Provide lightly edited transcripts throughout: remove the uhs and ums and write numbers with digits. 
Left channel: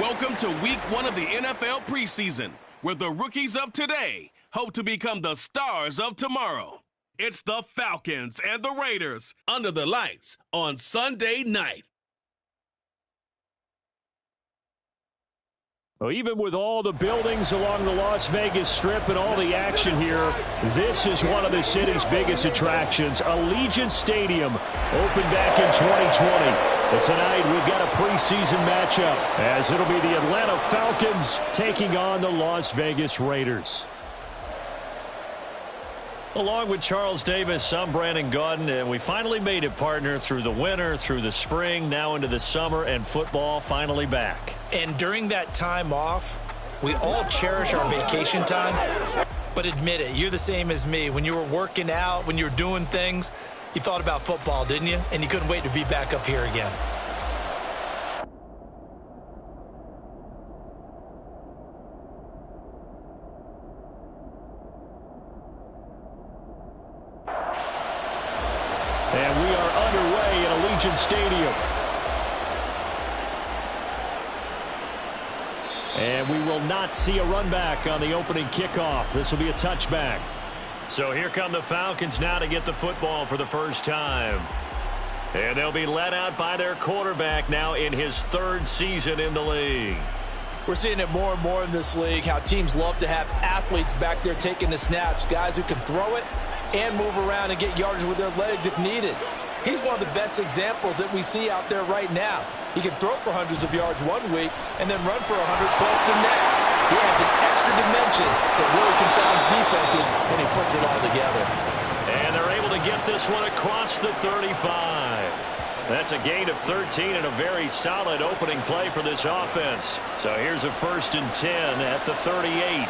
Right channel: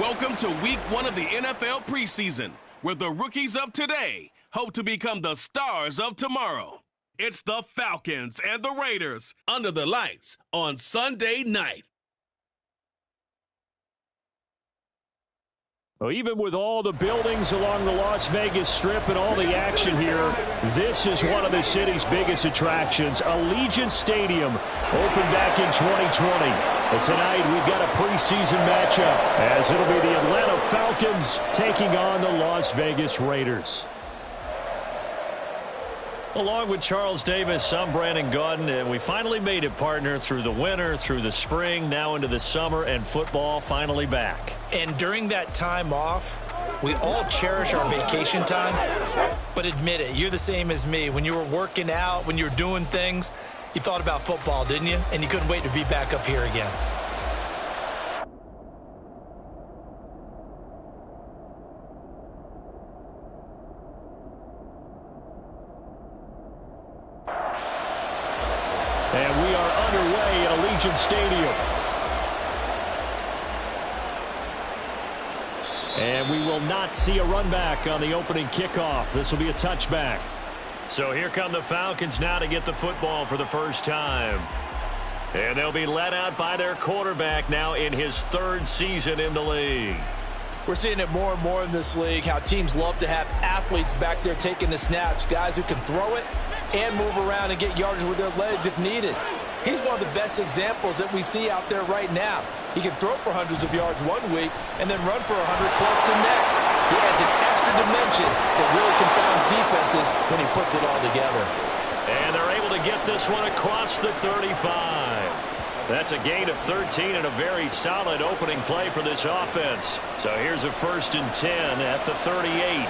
Welcome to week 1 of the NFL preseason, where the rookies of today hope to become the stars of tomorrow. It's the Falcons and the Raiders under the lights on Sunday night. Well, even with all the buildings along the Las Vegas Strip and all the action here, this is one of the city's biggest attractions. Allegiant Stadium opened back in 2020. And tonight we've got a preseason matchup as it'll be the Atlanta Falcons taking on the Las Vegas Raiders. Along with Charles Davis, I'm Brandon Gaudin, and we finally made it, partner, through the winter, through the spring, now into the summer, and football finally back. And during that time off, we all cherish our vacation time. But admit it, you're the same as me. When you were working out, when you were doing things, you thought about football, didn't you? And you couldn't wait to be back up here again. And we are underway at Allegiant Stadium. And we will not see a run back on the opening kickoff. This will be a touchback. So here come the Falcons now to get the football for the first time. And they'll be led out by their quarterback now in his 3rd season in the league. We're seeing it more and more in this league, how teams love to have athletes back there taking the snaps, guys who can throw it and move around and get yardage with their legs if needed. He's one of the best examples that we see out there right now. He can throw for hundreds of yards one week and then run for 100-plus the next. He adds an extra dimension that really confounds defenses when he puts it all together. And they're able to get this one across the 35. That's a gain of 13 and a very solid opening play for this offense. So here's a 1st and 10 at the 38.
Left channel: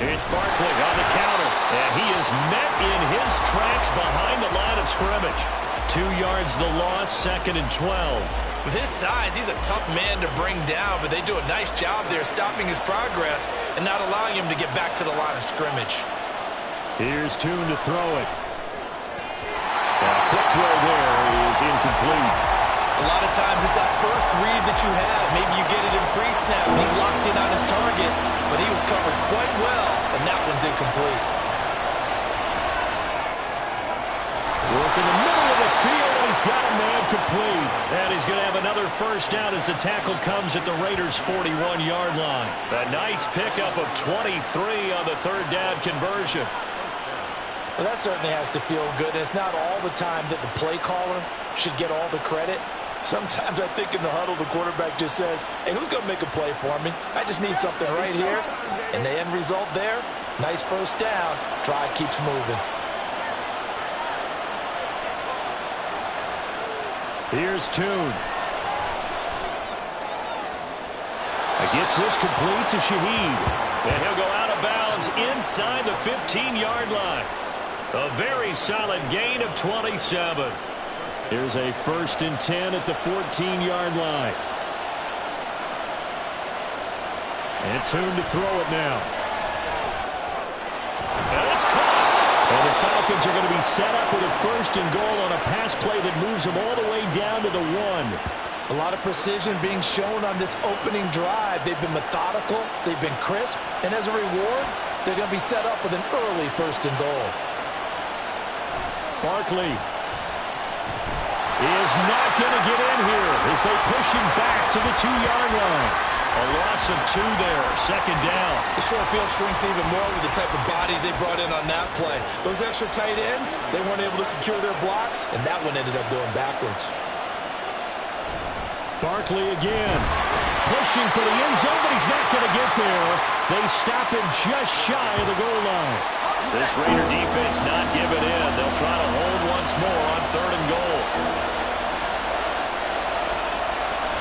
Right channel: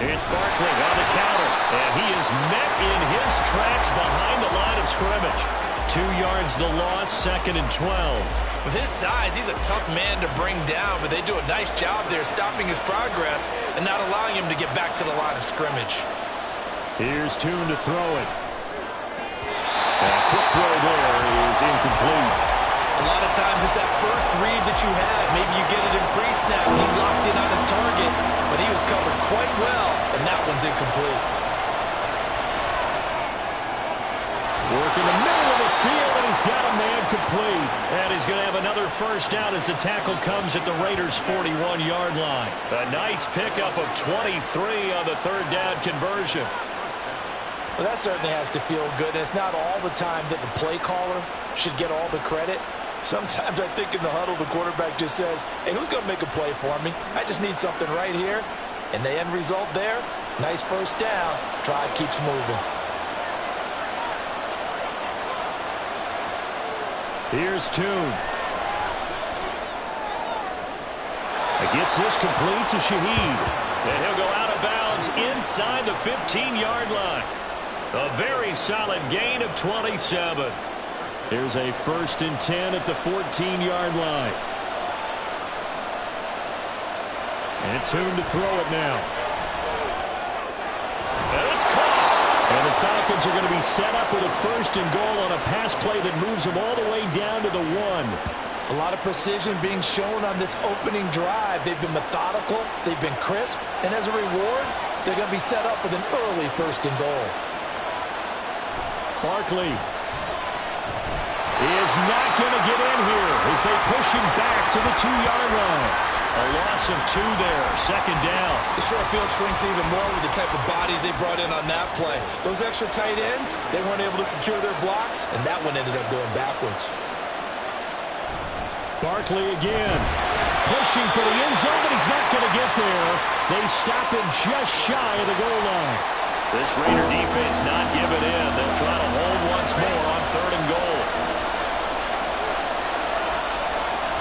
It's Barkley on the counter, and he is met in his tracks behind the line of scrimmage. 2 yards the loss, 2nd and 12. With his size, he's a tough man to bring down, but they do a nice job there stopping his progress and not allowing him to get back to the line of scrimmage. Here's Tune to throw it. A quick throw there is incomplete. A lot of times it's that first read that you have. Maybe you get it in pre-snap and he locked in on his target, but he was covered quite well, and that one's incomplete. Work in the middle of the field, and he's got a man complete. And he's going to have another first down as the tackle comes at the Raiders' 41-yard line. A nice pickup of 23 on the 3rd down conversion. Well, that certainly has to feel good. And it's not all the time that the play caller should get all the credit. Sometimes I think in the huddle, the quarterback just says, hey, who's going to make a play for me? I just need something right here. And the end result there, nice first down. Drive keeps moving. Here's Tune. Gets this complete to Shaheed. And he'll go out of bounds inside the 15-yard line. A very solid gain of 27. Here's a 1st and 10 at the 14-yard line. And Tune to throw it now. And it's caught. And the Falcons are going to be set up with a 1st and goal on a pass play that moves them all the way down to the 1. A lot of precision being shown on this opening drive. They've been methodical. They've been crisp. And as a reward, they're going to be set up with an early 1st and goal. Barkley is not going to get in here as they push him back to the 2-yard line. A loss of 2 there, 2nd down. The short field shrinks even more with the type of bodies they brought in on that play. Those extra tight ends, they weren't able to secure their blocks, and that one ended up going backwards. Barkley again, pushing for the end zone, but he's not going to get there. They stop him just shy of the goal line. This Raider defense not giving in. They'll try to hold once more on 3rd and goal.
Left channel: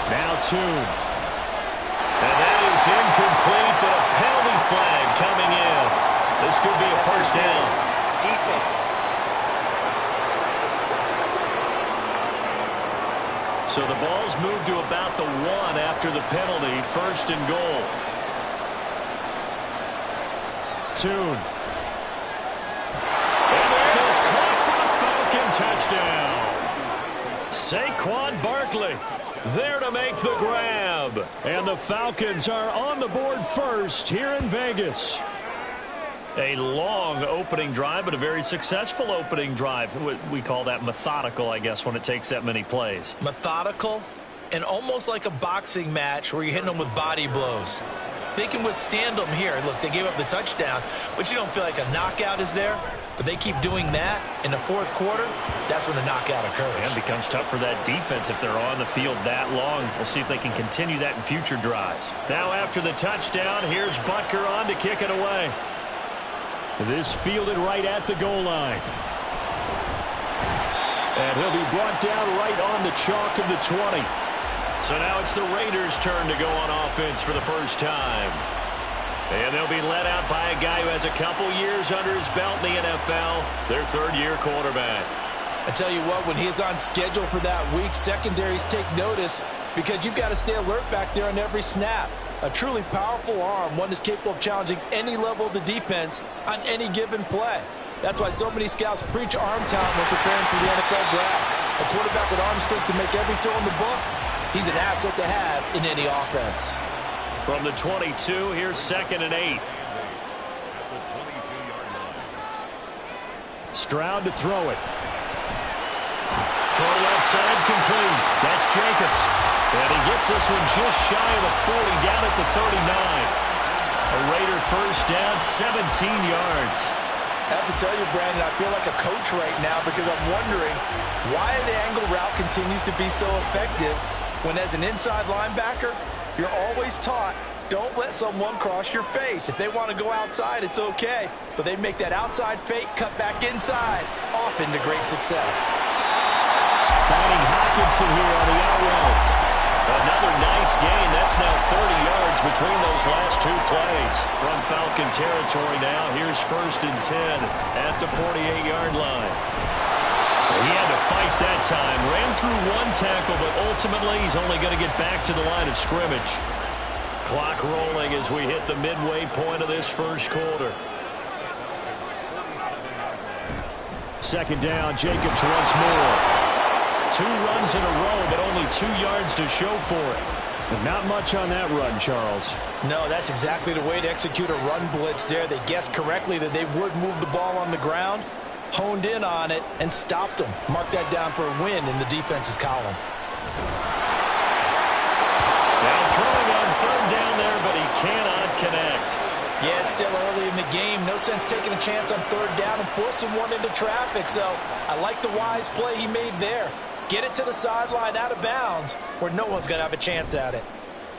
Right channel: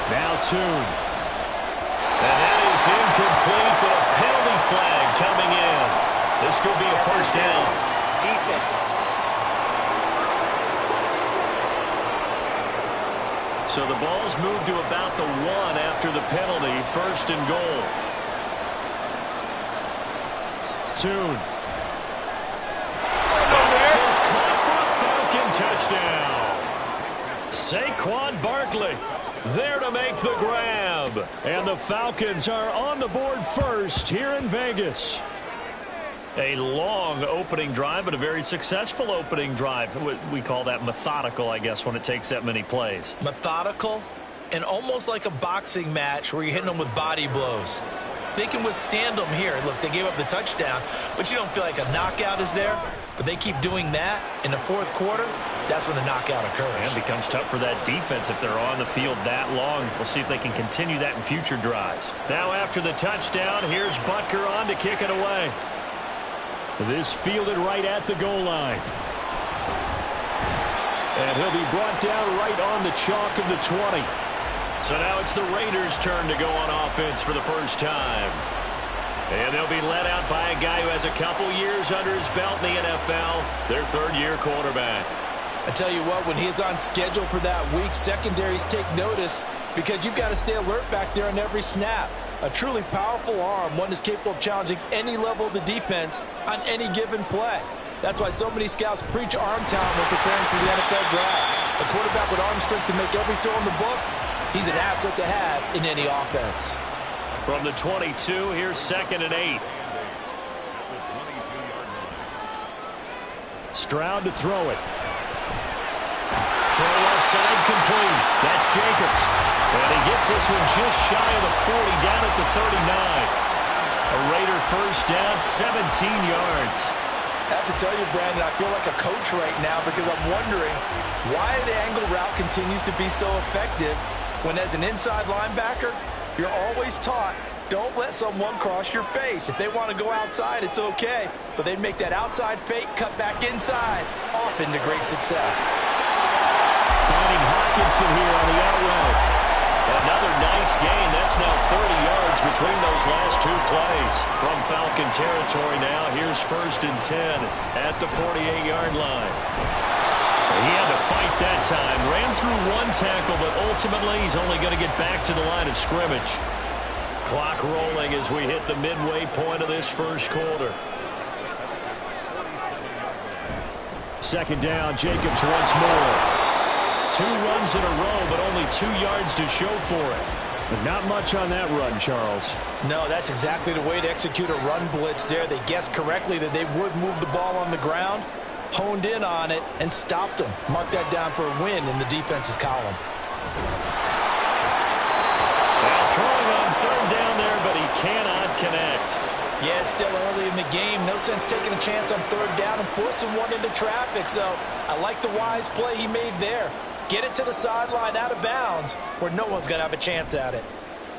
Now Tune. And that is incomplete, but a penalty flag coming in. This could be a 1st down. So the ball's moved to about the 1 after the penalty. 1st and goal. Tune. And this is caught for a Falcon touchdown. Saquon Barkley there to make the grab. And the Falcons are on the board first here in Vegas. A long opening drive, but a very successful opening drive. We call that methodical, I guess, when it takes that many plays. Methodical and almost like a boxing match where you're hitting them with body blows. They can withstand them here. Look, they gave up the touchdown, but you don't feel like a knockout is there. But they keep doing that in the fourth quarter. That's when the knockout occurs. And it becomes tough for that defense if they're on the field that long. We'll see if they can continue that in future drives. Now after the touchdown, here's Butker on to kick it away. This fielded right at the goal line. And he'll be brought down right on the chalk of the 20. So now it's the Raiders' turn to go on offense for the first time. And they'll be led out by a guy who has a couple years under his belt in the NFL, their third-year quarterback. I tell you what, when he is on schedule for that week, secondaries take notice because you've got to stay alert back there on every snap. A truly powerful arm, one that's capable of challenging any level of the defense on any given play. That's why so many scouts preach arm talent when preparing for the NFL draft. A quarterback with arm strength to make every throw in the book, he's an asset to have in any offense. From the 22, here's 2nd and 8. Stroud to throw it. Throw left side complete. That's Jacobs. And he gets this one just shy of the 40, down at the 39. A Raider first down, 17 yards. I have to tell you, Brandon, I feel like a coach right now because I'm wondering why the angle route continues to be so effective when as an inside linebacker, you're always taught, don't let someone cross your face. If they want to go outside, it's okay. But they make that outside fake, cut back inside, often to great success. Finding Hockenson here on the out route. Another nice gain. That's now 30 yards between those last two plays. From Falcon territory now, here's 1st and 10 at the 48-yard line. He had to fight that time. Ran through one tackle, but ultimately he's only going to get back to the line of scrimmage. Clock rolling as we hit the midway point of this first quarter. 2nd down, Jacobs once more. 2 runs in a row, but only 2 yards to show for it. But not much on that run, Charles. No, that's exactly the way to execute a run blitz there. They guessed correctly that they would move the ball on the ground, honed in on it, and stopped them. Mark that down for a win in the defense's column. Now throwing on 3rd down there, but he cannot connect. Yeah, it's still early in the game. No sense taking a chance on 3rd down and forcing one into traffic. So I like the wise play he made there. Get it to the sideline out of bounds where no one's going to have a chance at it.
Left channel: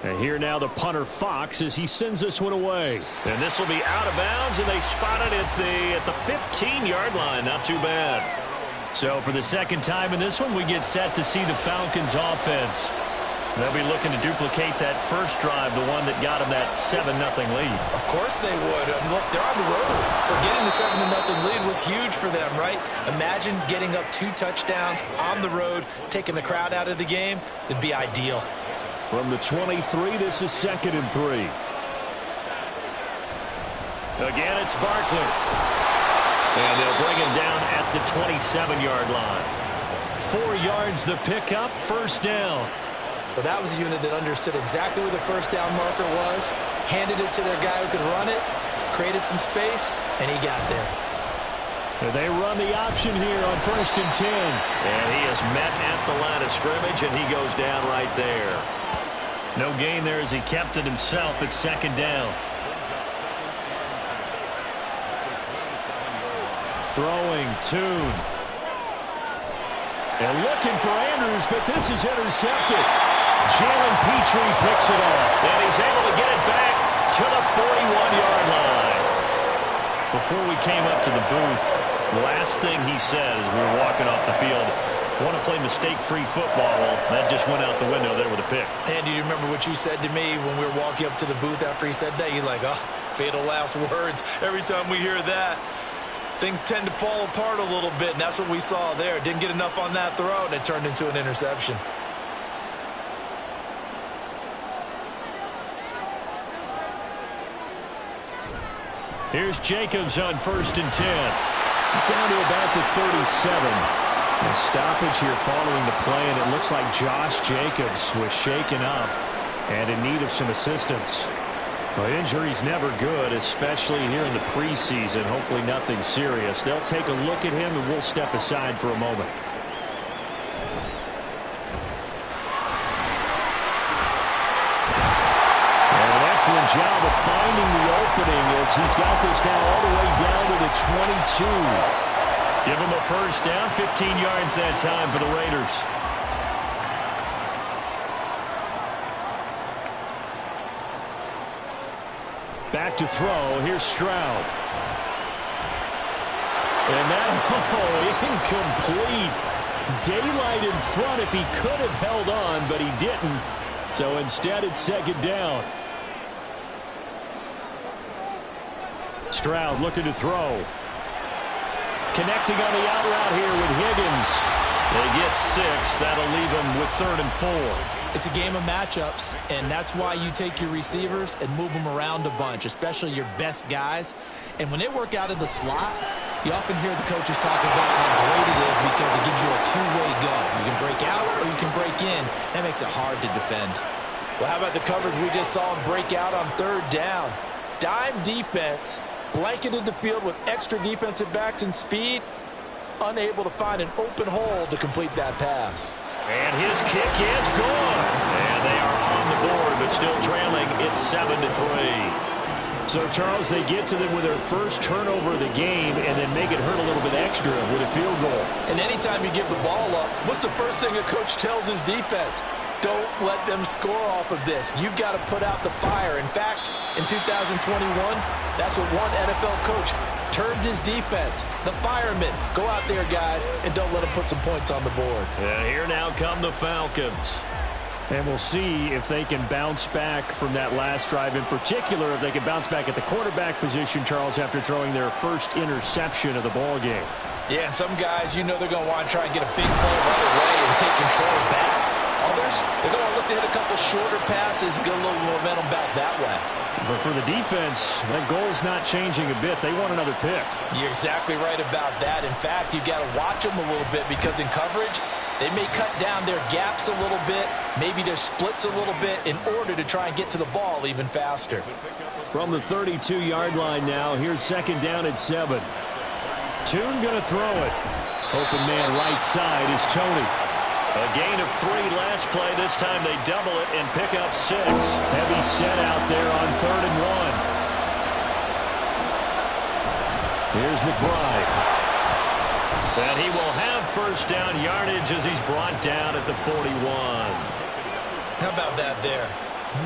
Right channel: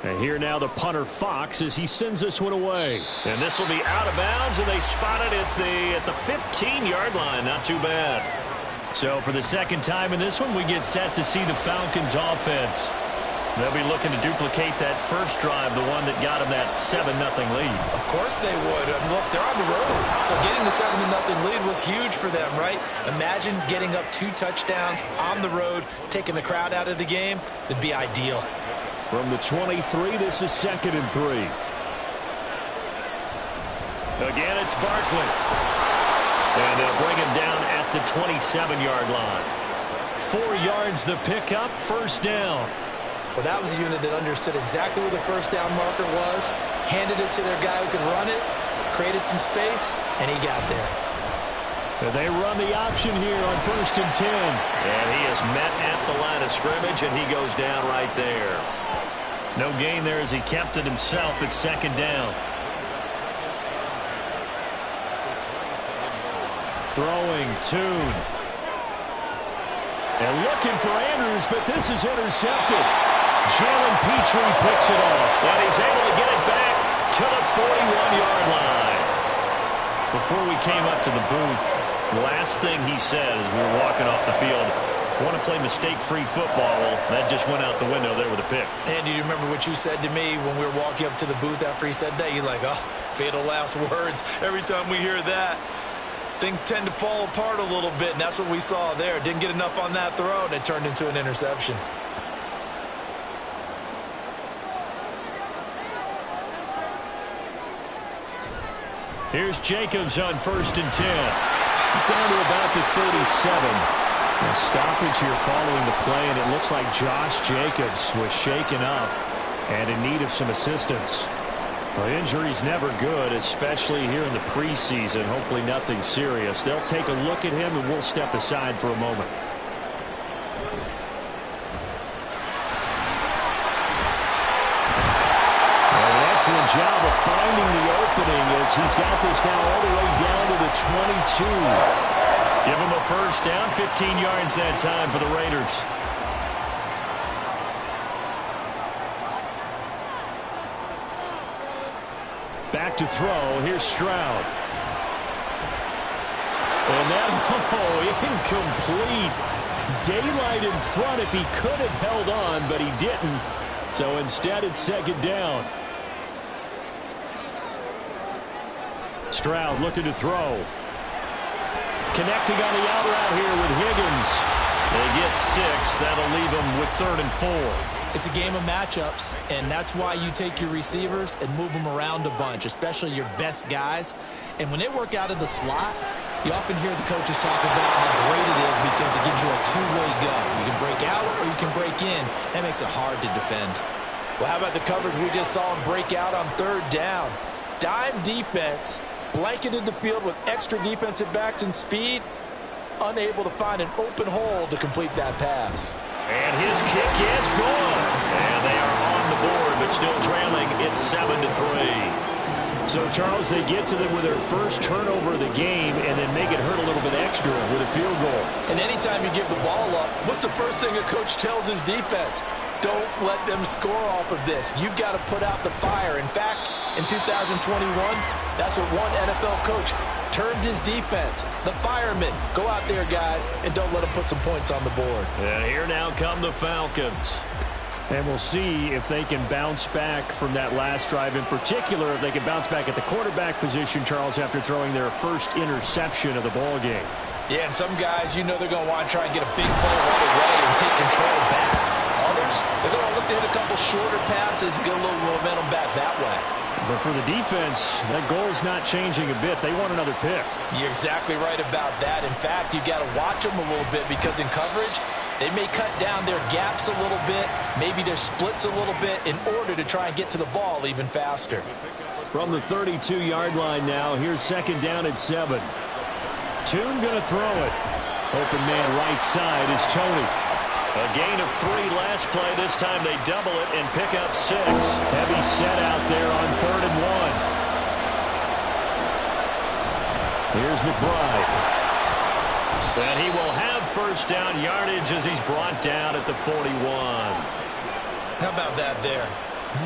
And here now the punter Fox as he sends this one away. And this will be out of bounds, and they spot it at the 15-yard line. Not too bad. So for the second time in this one, we get set to see the Falcons offense. They'll be looking to duplicate that first drive, the one that got them that 7-0 lead. Of course they would. Look, they're on the road. So getting the 7-0 lead was huge for them, right? Imagine getting up 2 touchdowns on the road, taking the crowd out of the game. That'd be ideal. From the 23, this is 2nd and 3. Again, it's Barkley. And they'll bring him down at the 27-yard line. 4 yards the pickup, 1st down. Well, that was a unit that understood exactly where the 1st down marker was, handed it to their guy who could run it, created some space, and he got there. And they run the option here on 1st and 10. And he is met at the line of scrimmage, and he goes down right there. No gain there as he kept it himself at 2nd down. Throwing, Tune. And looking for Andrews, but this is intercepted. Jalen Petrie picks it off. And he's able to get it back to the 41-yard line. Before we came up to the booth, last thing he said as we were walking off the field, want to play mistake-free football. Well, that just went out the window there with a pick. And do you remember what you said to me when we were walking up to the booth after he said that? You're like, oh, fatal last words. Every time we hear that, things tend to fall apart a little bit, and that's what we saw there. Didn't get enough on that throw, and it turned into an interception. Here's Jacobs on 1st and 10. Down to about the 37. A stoppage here following the play, and it looks like Josh Jacobs was shaken up and in need of some assistance. Well, injury's never good, especially here in the preseason. Hopefully nothing serious. They'll take a look at him, and we'll step aside for a moment. And an excellent job of finding the opening as he's got this now all the way down to the 22. Give him a first down, 15 yards that time for the Raiders. Back to throw. Here's Stroud. And that, incomplete. Daylight in front if he could have held on, but he didn't. So instead, it's second down. Stroud looking to throw. Connecting on the out route here with Higgins. They get 6. That'll leave them with 3rd and 4. It's a game of matchups, and that's why you take your receivers and move them around a bunch, especially your best guys. And when they work out of the slot, you often hear the coaches talk about how great it is because it gives you a two-way go. You can break out or you can break in. That makes it hard to defend. Well, how about the coverage we just saw him break out on 3rd down? Dime defense, blanketed the field with extra defensive backs and speed, unable to find an open hole to complete that pass. And his kick is good. And they are on the board, but still trailing. It's 7-3. So, Charles, they get to them with their first turnover of the game and then make it hurt a little bit extra with a field goal. And anytime you give the ball up, what's the first thing a coach tells his defense? Don't let them score off of this. You've got to put out the fire. In fact, in 2021, that's what one NFL coach termed his defense. The firemen. Go out there, guys, and don't let them put some points on the board. And here now come the Falcons. And we'll see if they can bounce back from that last drive. In particular, if they can bounce back at the quarterback position, Charles, after throwing their first interception of the ball game. Yeah, and some guys, you know they're going to want to try and get a big play right away and take control back. Others, they're going to look to hit a couple shorter passes and get a little momentum back that way. But for the defense, that goal's not changing a bit. They want another pick. You're exactly right about that. In fact, you've got to watch them a little bit because in coverage, they may cut down their gaps a little bit, maybe their splits a little bit in order to try and get to the ball even faster. From the 32-yard line now, here's 2nd down at 7. Toon going to throw it. Open man right side is Tony. A gain of 3 last play. This time they double it and pick up 6. Heavy set out there on 3rd and 1. Here's McBride. And he will have first down yardage as he's brought down at the 41. How about that there?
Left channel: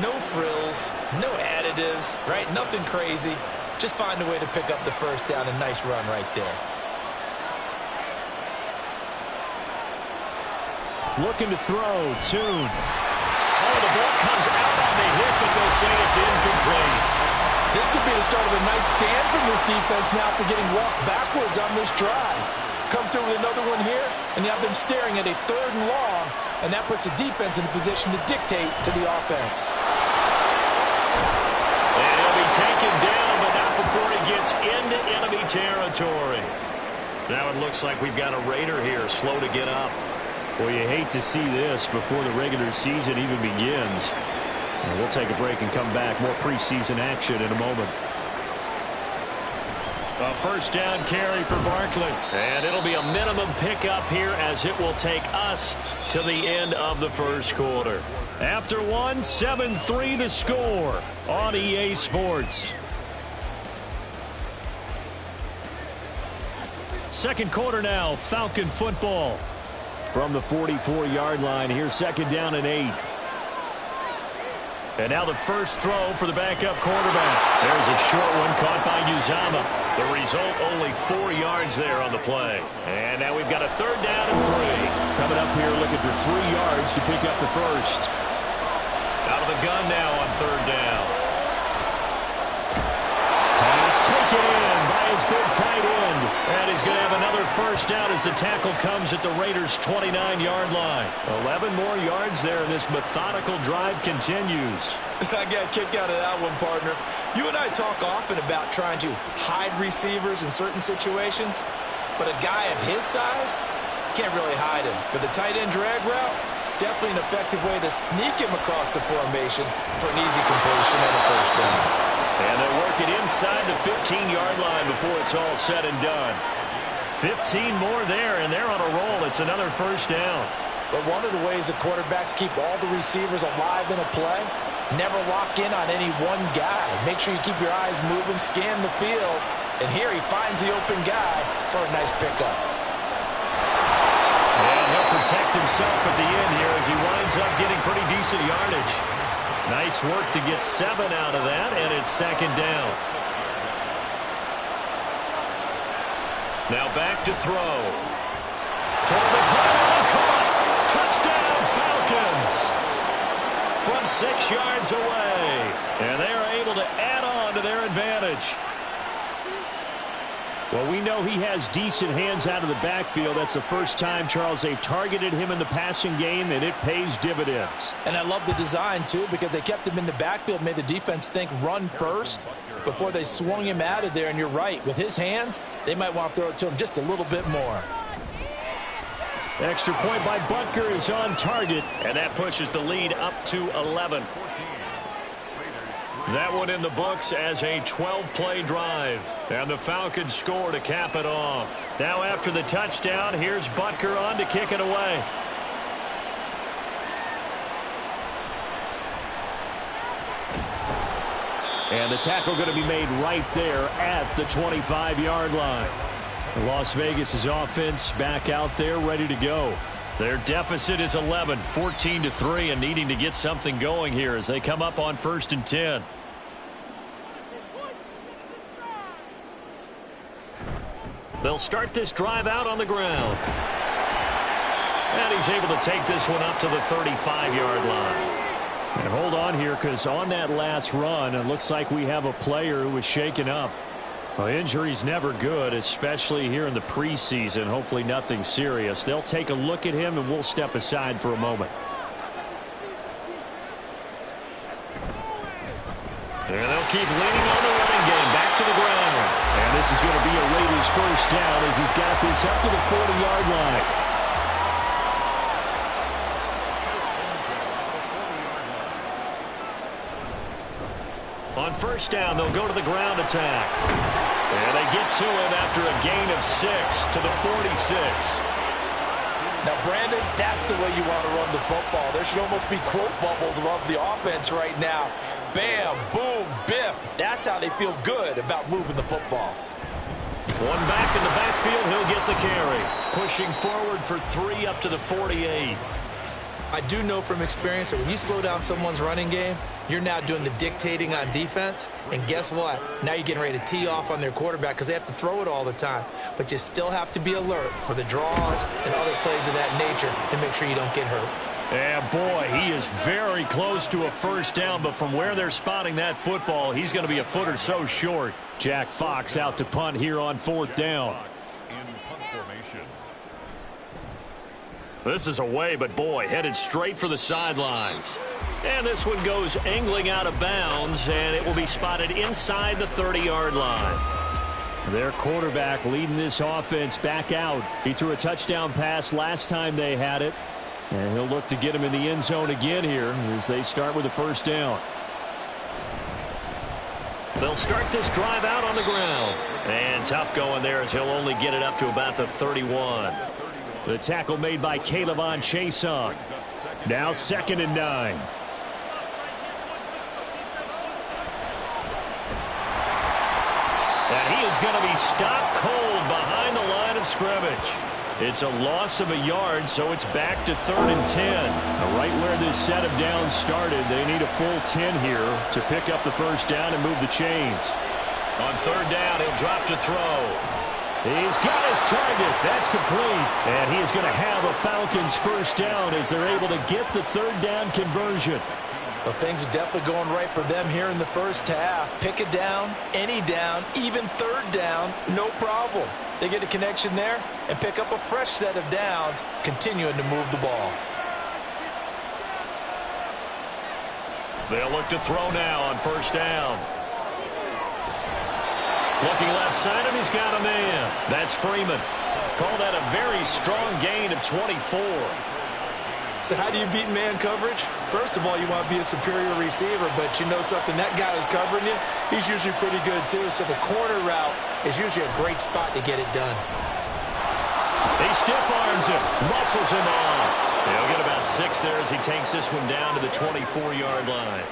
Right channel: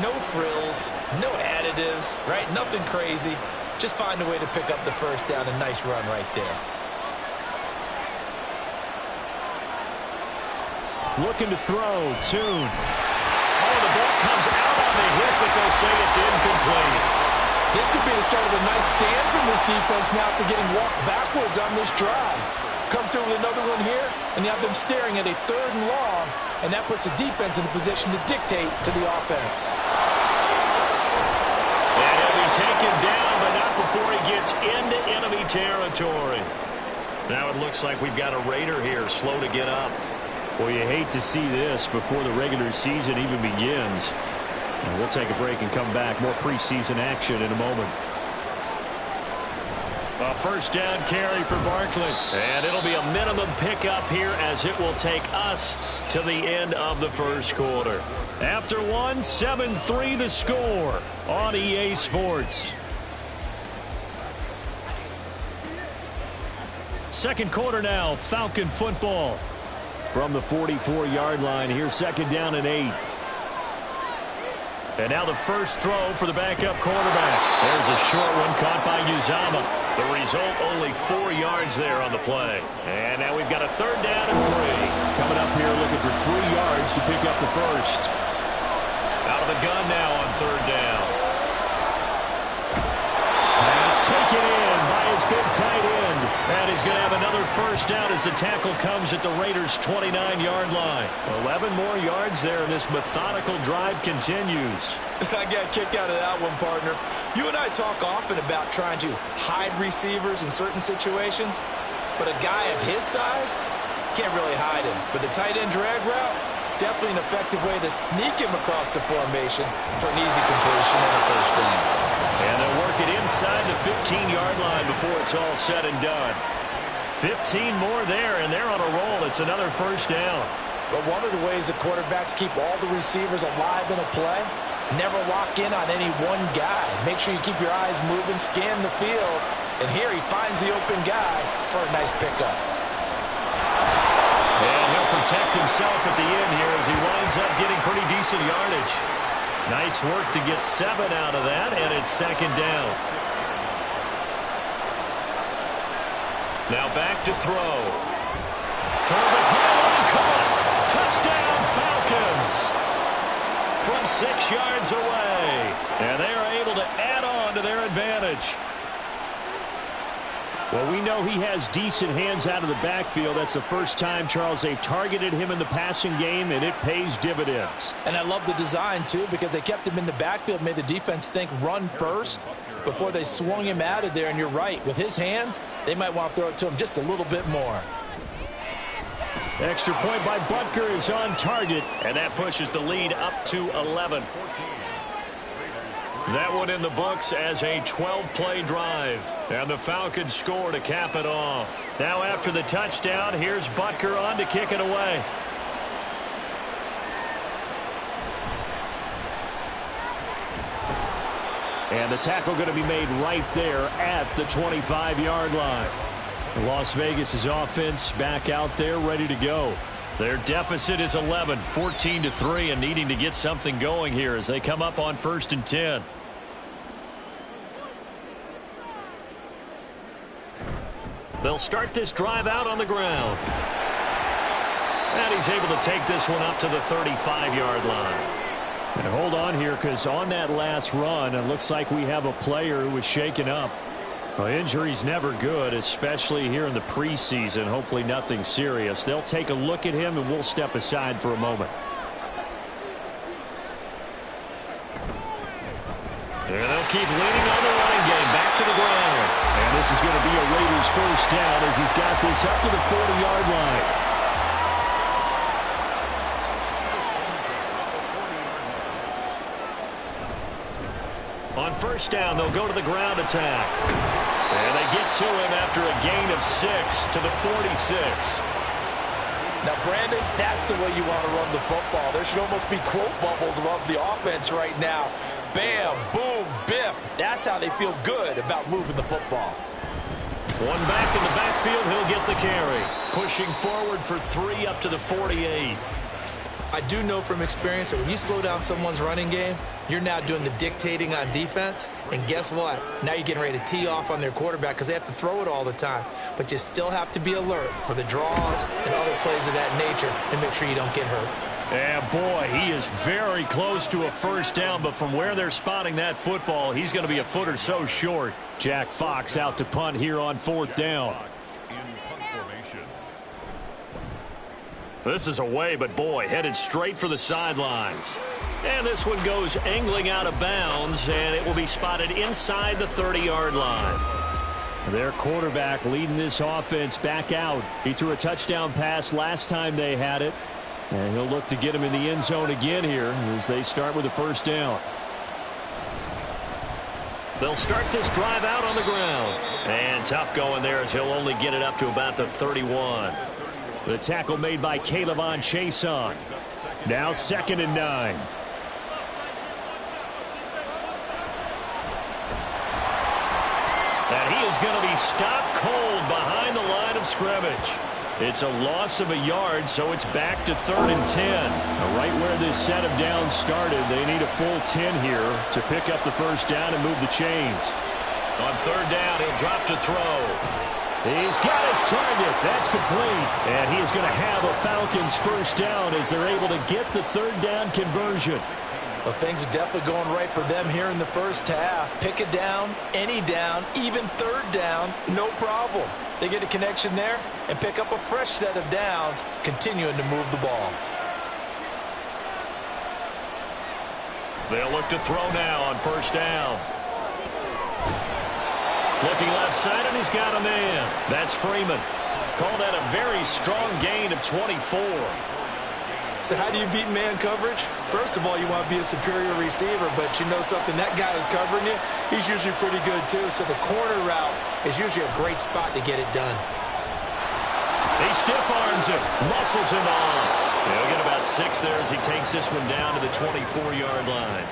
No frills, no additives, right? Nothing crazy. Just find a way to pick up the first down. A nice run right there. Looking to throw, Toon. Oh, the ball comes out on the hit, but they'll say it's incomplete. This could be the start of a nice stand from this defense now after getting walked backwards on this drive. Come through with another one here, and you have them staring at a 3rd and long, and that puts the defense in a position to dictate to the offense. And he'll be taken down, but not before he gets into enemy territory. Now it looks like we've got a Raider here, slow to get up. Well, you hate to see this before the regular season even begins. And we'll take a break and come back. More preseason action in a moment. A first down carry for Barkley. And it'll be a minimum pickup here as it will take us to the end of the first quarter. After 1, 7-3 the score on EA Sports. Second quarter now, Falcon football. From the 44-yard line, here's 2nd down and 8. And now the first throw for the backup quarterback. There's a short one caught by Uzama. The result, only 4 yards there on the play. And now we've got a 3rd down and 3. Coming up here looking for 3 yards to pick up the first. Out of the gun now on 3rd down. Pass taken in by his big tight end. And he's going to have another first down as the tackle comes at the Raiders' 29-yard line. 11 more yards there, and this methodical drive continues. I got a kick out of that one, partner. You and I talk often about trying to hide receivers in certain situations, but a guy of his size, can't really hide him. But the tight end drag route, definitely an effective way to sneak him across the formation for an easy completion and a first down. And they'll work it inside the 15-yard line before it's all said and done. 15 more there, and they're on a roll. It's another first down. But one of the ways the quarterbacks keep all the receivers alive in a play, never lock in on any one guy. Make sure you keep your eyes moving, scan the field. And here he finds the open guy for a nice pickup. And he'll protect himself at the end here as he winds up getting pretty decent yardage. Nice work to get 7 out of that, and it's second down. Now back to throw. Toward the pylon, caught. Touchdown, Falcons. From 6 yards away. And they are able to add on to their advantage. Well, we know he has decent hands out of the backfield. That's the first time, Charles, they've targeted him in the passing game, and it pays dividends. And I love the design, too, because they kept him in the backfield, made the defense think run first before they swung him out of there. And you're right, with his hands, they might want to throw it to him just a little bit more. Extra point by Butker is on target, and that pushes the lead up to 11. That one in the books as a 12-play drive. And the Falcons score to cap it off. Now after the touchdown, here's Butker on to kick it away. And the tackle going to be made right there at the 25-yard line. Las Vegas' offense back out there ready to go. Their deficit is 11, 14-3, and needing to get something going here as they come up on 1st and 10. They'll start this drive out on the ground. And he's able to take this one up to the 35-yard line. And hold on here, because on that last run, it looks like we have a player who was shaken up. Well, injury's never good, especially here in the preseason. Hopefully nothing serious. They'll take a look at him, and we'll step aside for a moment. And they'll keep leaning on the running game. Back to the ground. And this is going to be a Raiders first down as he's got this up to the 40-yard line. On first down, they'll go to the ground attack. And they get to him after a gain of 6 to the 46. Now, Brandon, that's the way you want to run the football. There should almost be quote bubbles above the offense right now. Bam, boom, biff. That's how they feel good about moving the football. One back in the backfield, he'll get the carry. Pushing forward for 3 up to the 48. I do know from experience that when you slow down someone's running game, you're now doing the dictating on defense. And guess what? Now you're getting ready to tee off on their quarterback because they have to throw it all the time. But you still have to be alert for the draws and other plays of that nature and make sure you don't get hurt. Yeah, boy, he is very close to a first down, but from where they're spotting that football, he's going to be a foot or so short. Jack Fox out to punt here on 4th down. This is away, but boy, headed straight for the sidelines. And this one goes angling out of bounds, and it will be spotted inside the 30-yard line. Their quarterback leading this offense back out. He threw a touchdown pass last time they had it. And he'll look to get him in the end zone again here as they start with the first down. They'll start this drive out on the ground. And tough going there as he'll only get it up to about the 31. The tackle made by Calebon Chason. Now 2nd and 9. And he is going to be stopped cold behind the line of scrimmage. It's a loss of a yard, so it's back to 3rd and 10. Now, right where this set of downs started, they need a full 10 here to pick up the first down and move the chains. On 3rd down, he'll drop to throw. He's got his target. That's complete. And he is going to have a Falcons first down as they're able to get the 3rd down conversion. Well, things are definitely going right for them here in the first half. Pick a down, any down, even 3rd down, no problem. They get a connection there and pick up a fresh set of downs, continuing to move the ball. They'll look to throw now on first down. Looking left side, and he's got a man. That's Freeman. Call that a very strong gain of 24. So how do you beat man coverage? First of all, you want to be a superior receiver, but you know something, that guy who's covering you, he's usually pretty good too. So the corner route is usually a great spot to get it done. He stiff arms him, muscles him off. He'll get about 6 there as he takes this one down to the 24-yard line.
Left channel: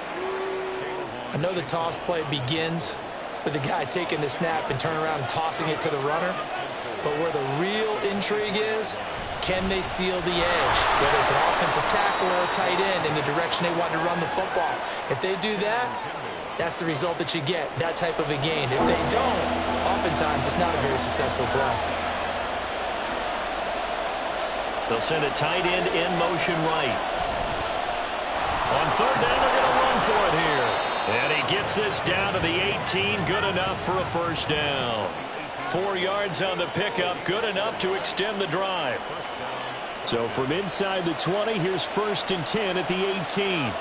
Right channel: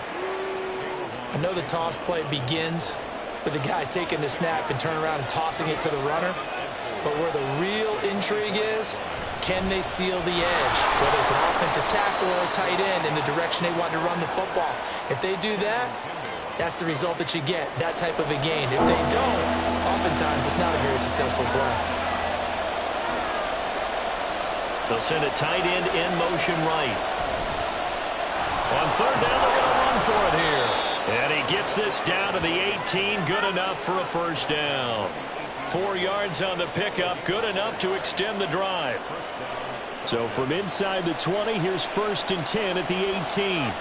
I know the toss play begins with the guy taking the snap and turning around and tossing it to the runner. But where the real intrigue is, can they seal the edge, whether it's an offensive tackle or a tight end in the direction they want to run the football? If they do that, that's the result that you get, that type of a gain. If they don't, oftentimes it's not a very successful play. They'll send a tight end in motion right. On third down, they're going to run for it here. And he gets this down to the 18, good enough for a first down. 4 yards on the pickup, good enough to extend the drive. So from inside the 20, here's 1st and 10 at the 18.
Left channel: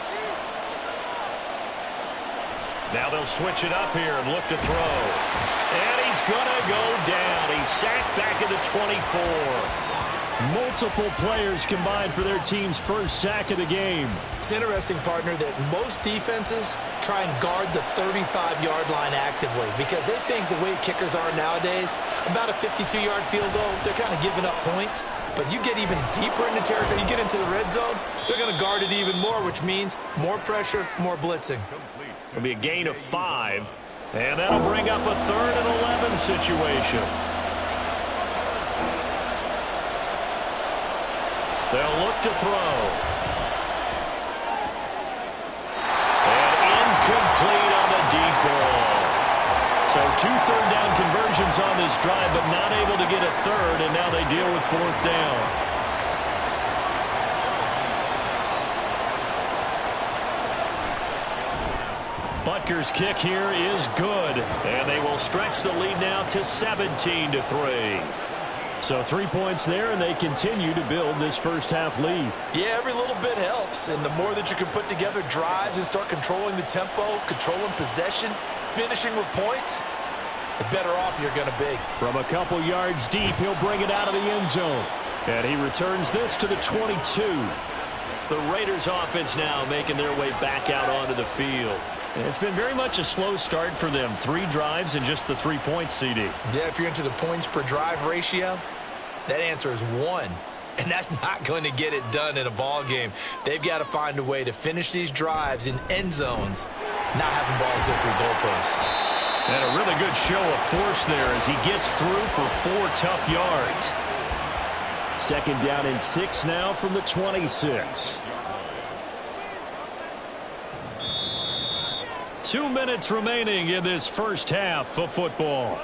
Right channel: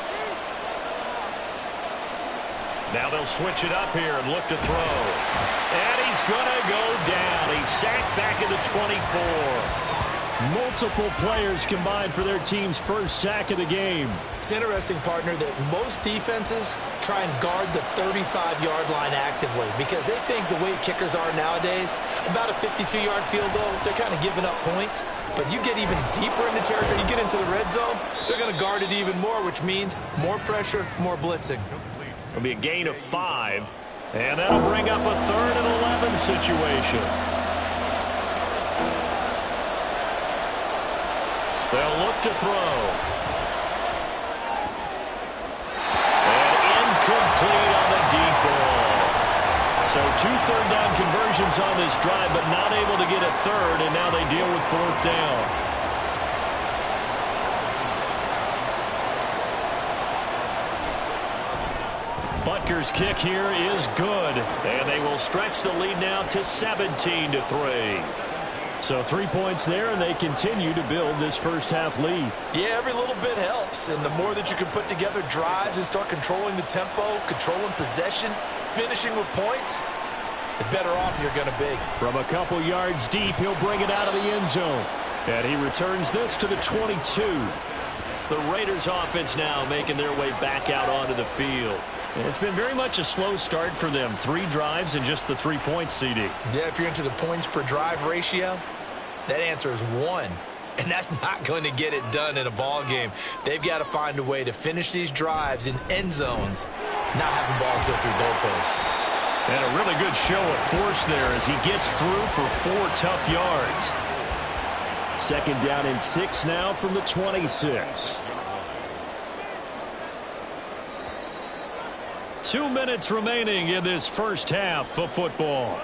Now they'll switch it up here and look to throw. And he's going to go down. He's sacked back at the 24. Multiple players combined for their team's first sack of the game. It's interesting, partner, that most defenses try and guard the 35-yard line actively because they think the way kickers are nowadays, about a 52-yard field goal, they're kind of giving up points. But you get even deeper into territory, you get into the red zone, they're going to guard it even more, which means more pressure, more blitzing. It'll be a gain of 5, and that'll bring up a 3rd and 11 situation. They'll look to throw. And incomplete on the deep ball. So 2 third down conversions on this drive, but not able to get a 3rd, and now they deal with 4th down. Butker's kick here is good, and they will stretch the lead now to 17-3. So 3 points there, and they continue to build this first half lead. Yeah, every little bit helps, and the more that you can put together drives and start controlling the tempo, controlling possession, finishing with points, the better off you're going to be. From a couple yards deep, he'll bring it out of the end zone. And he returns this to the 22. The Raiders offense now making their way back out onto the field. It's been very much a slow start for them. 3 drives and just the 3 points, CD. Yeah, if you're into the points per drive ratio, that answer is 1. And that's not going to get it done in a ball game. They've got to find a way to finish these drives in end zones, not having balls go through goalposts. And a really good show of force there as he gets through for 4 tough yards. 2nd down and 6 now from the 26. 2 minutes remaining in this first half of football.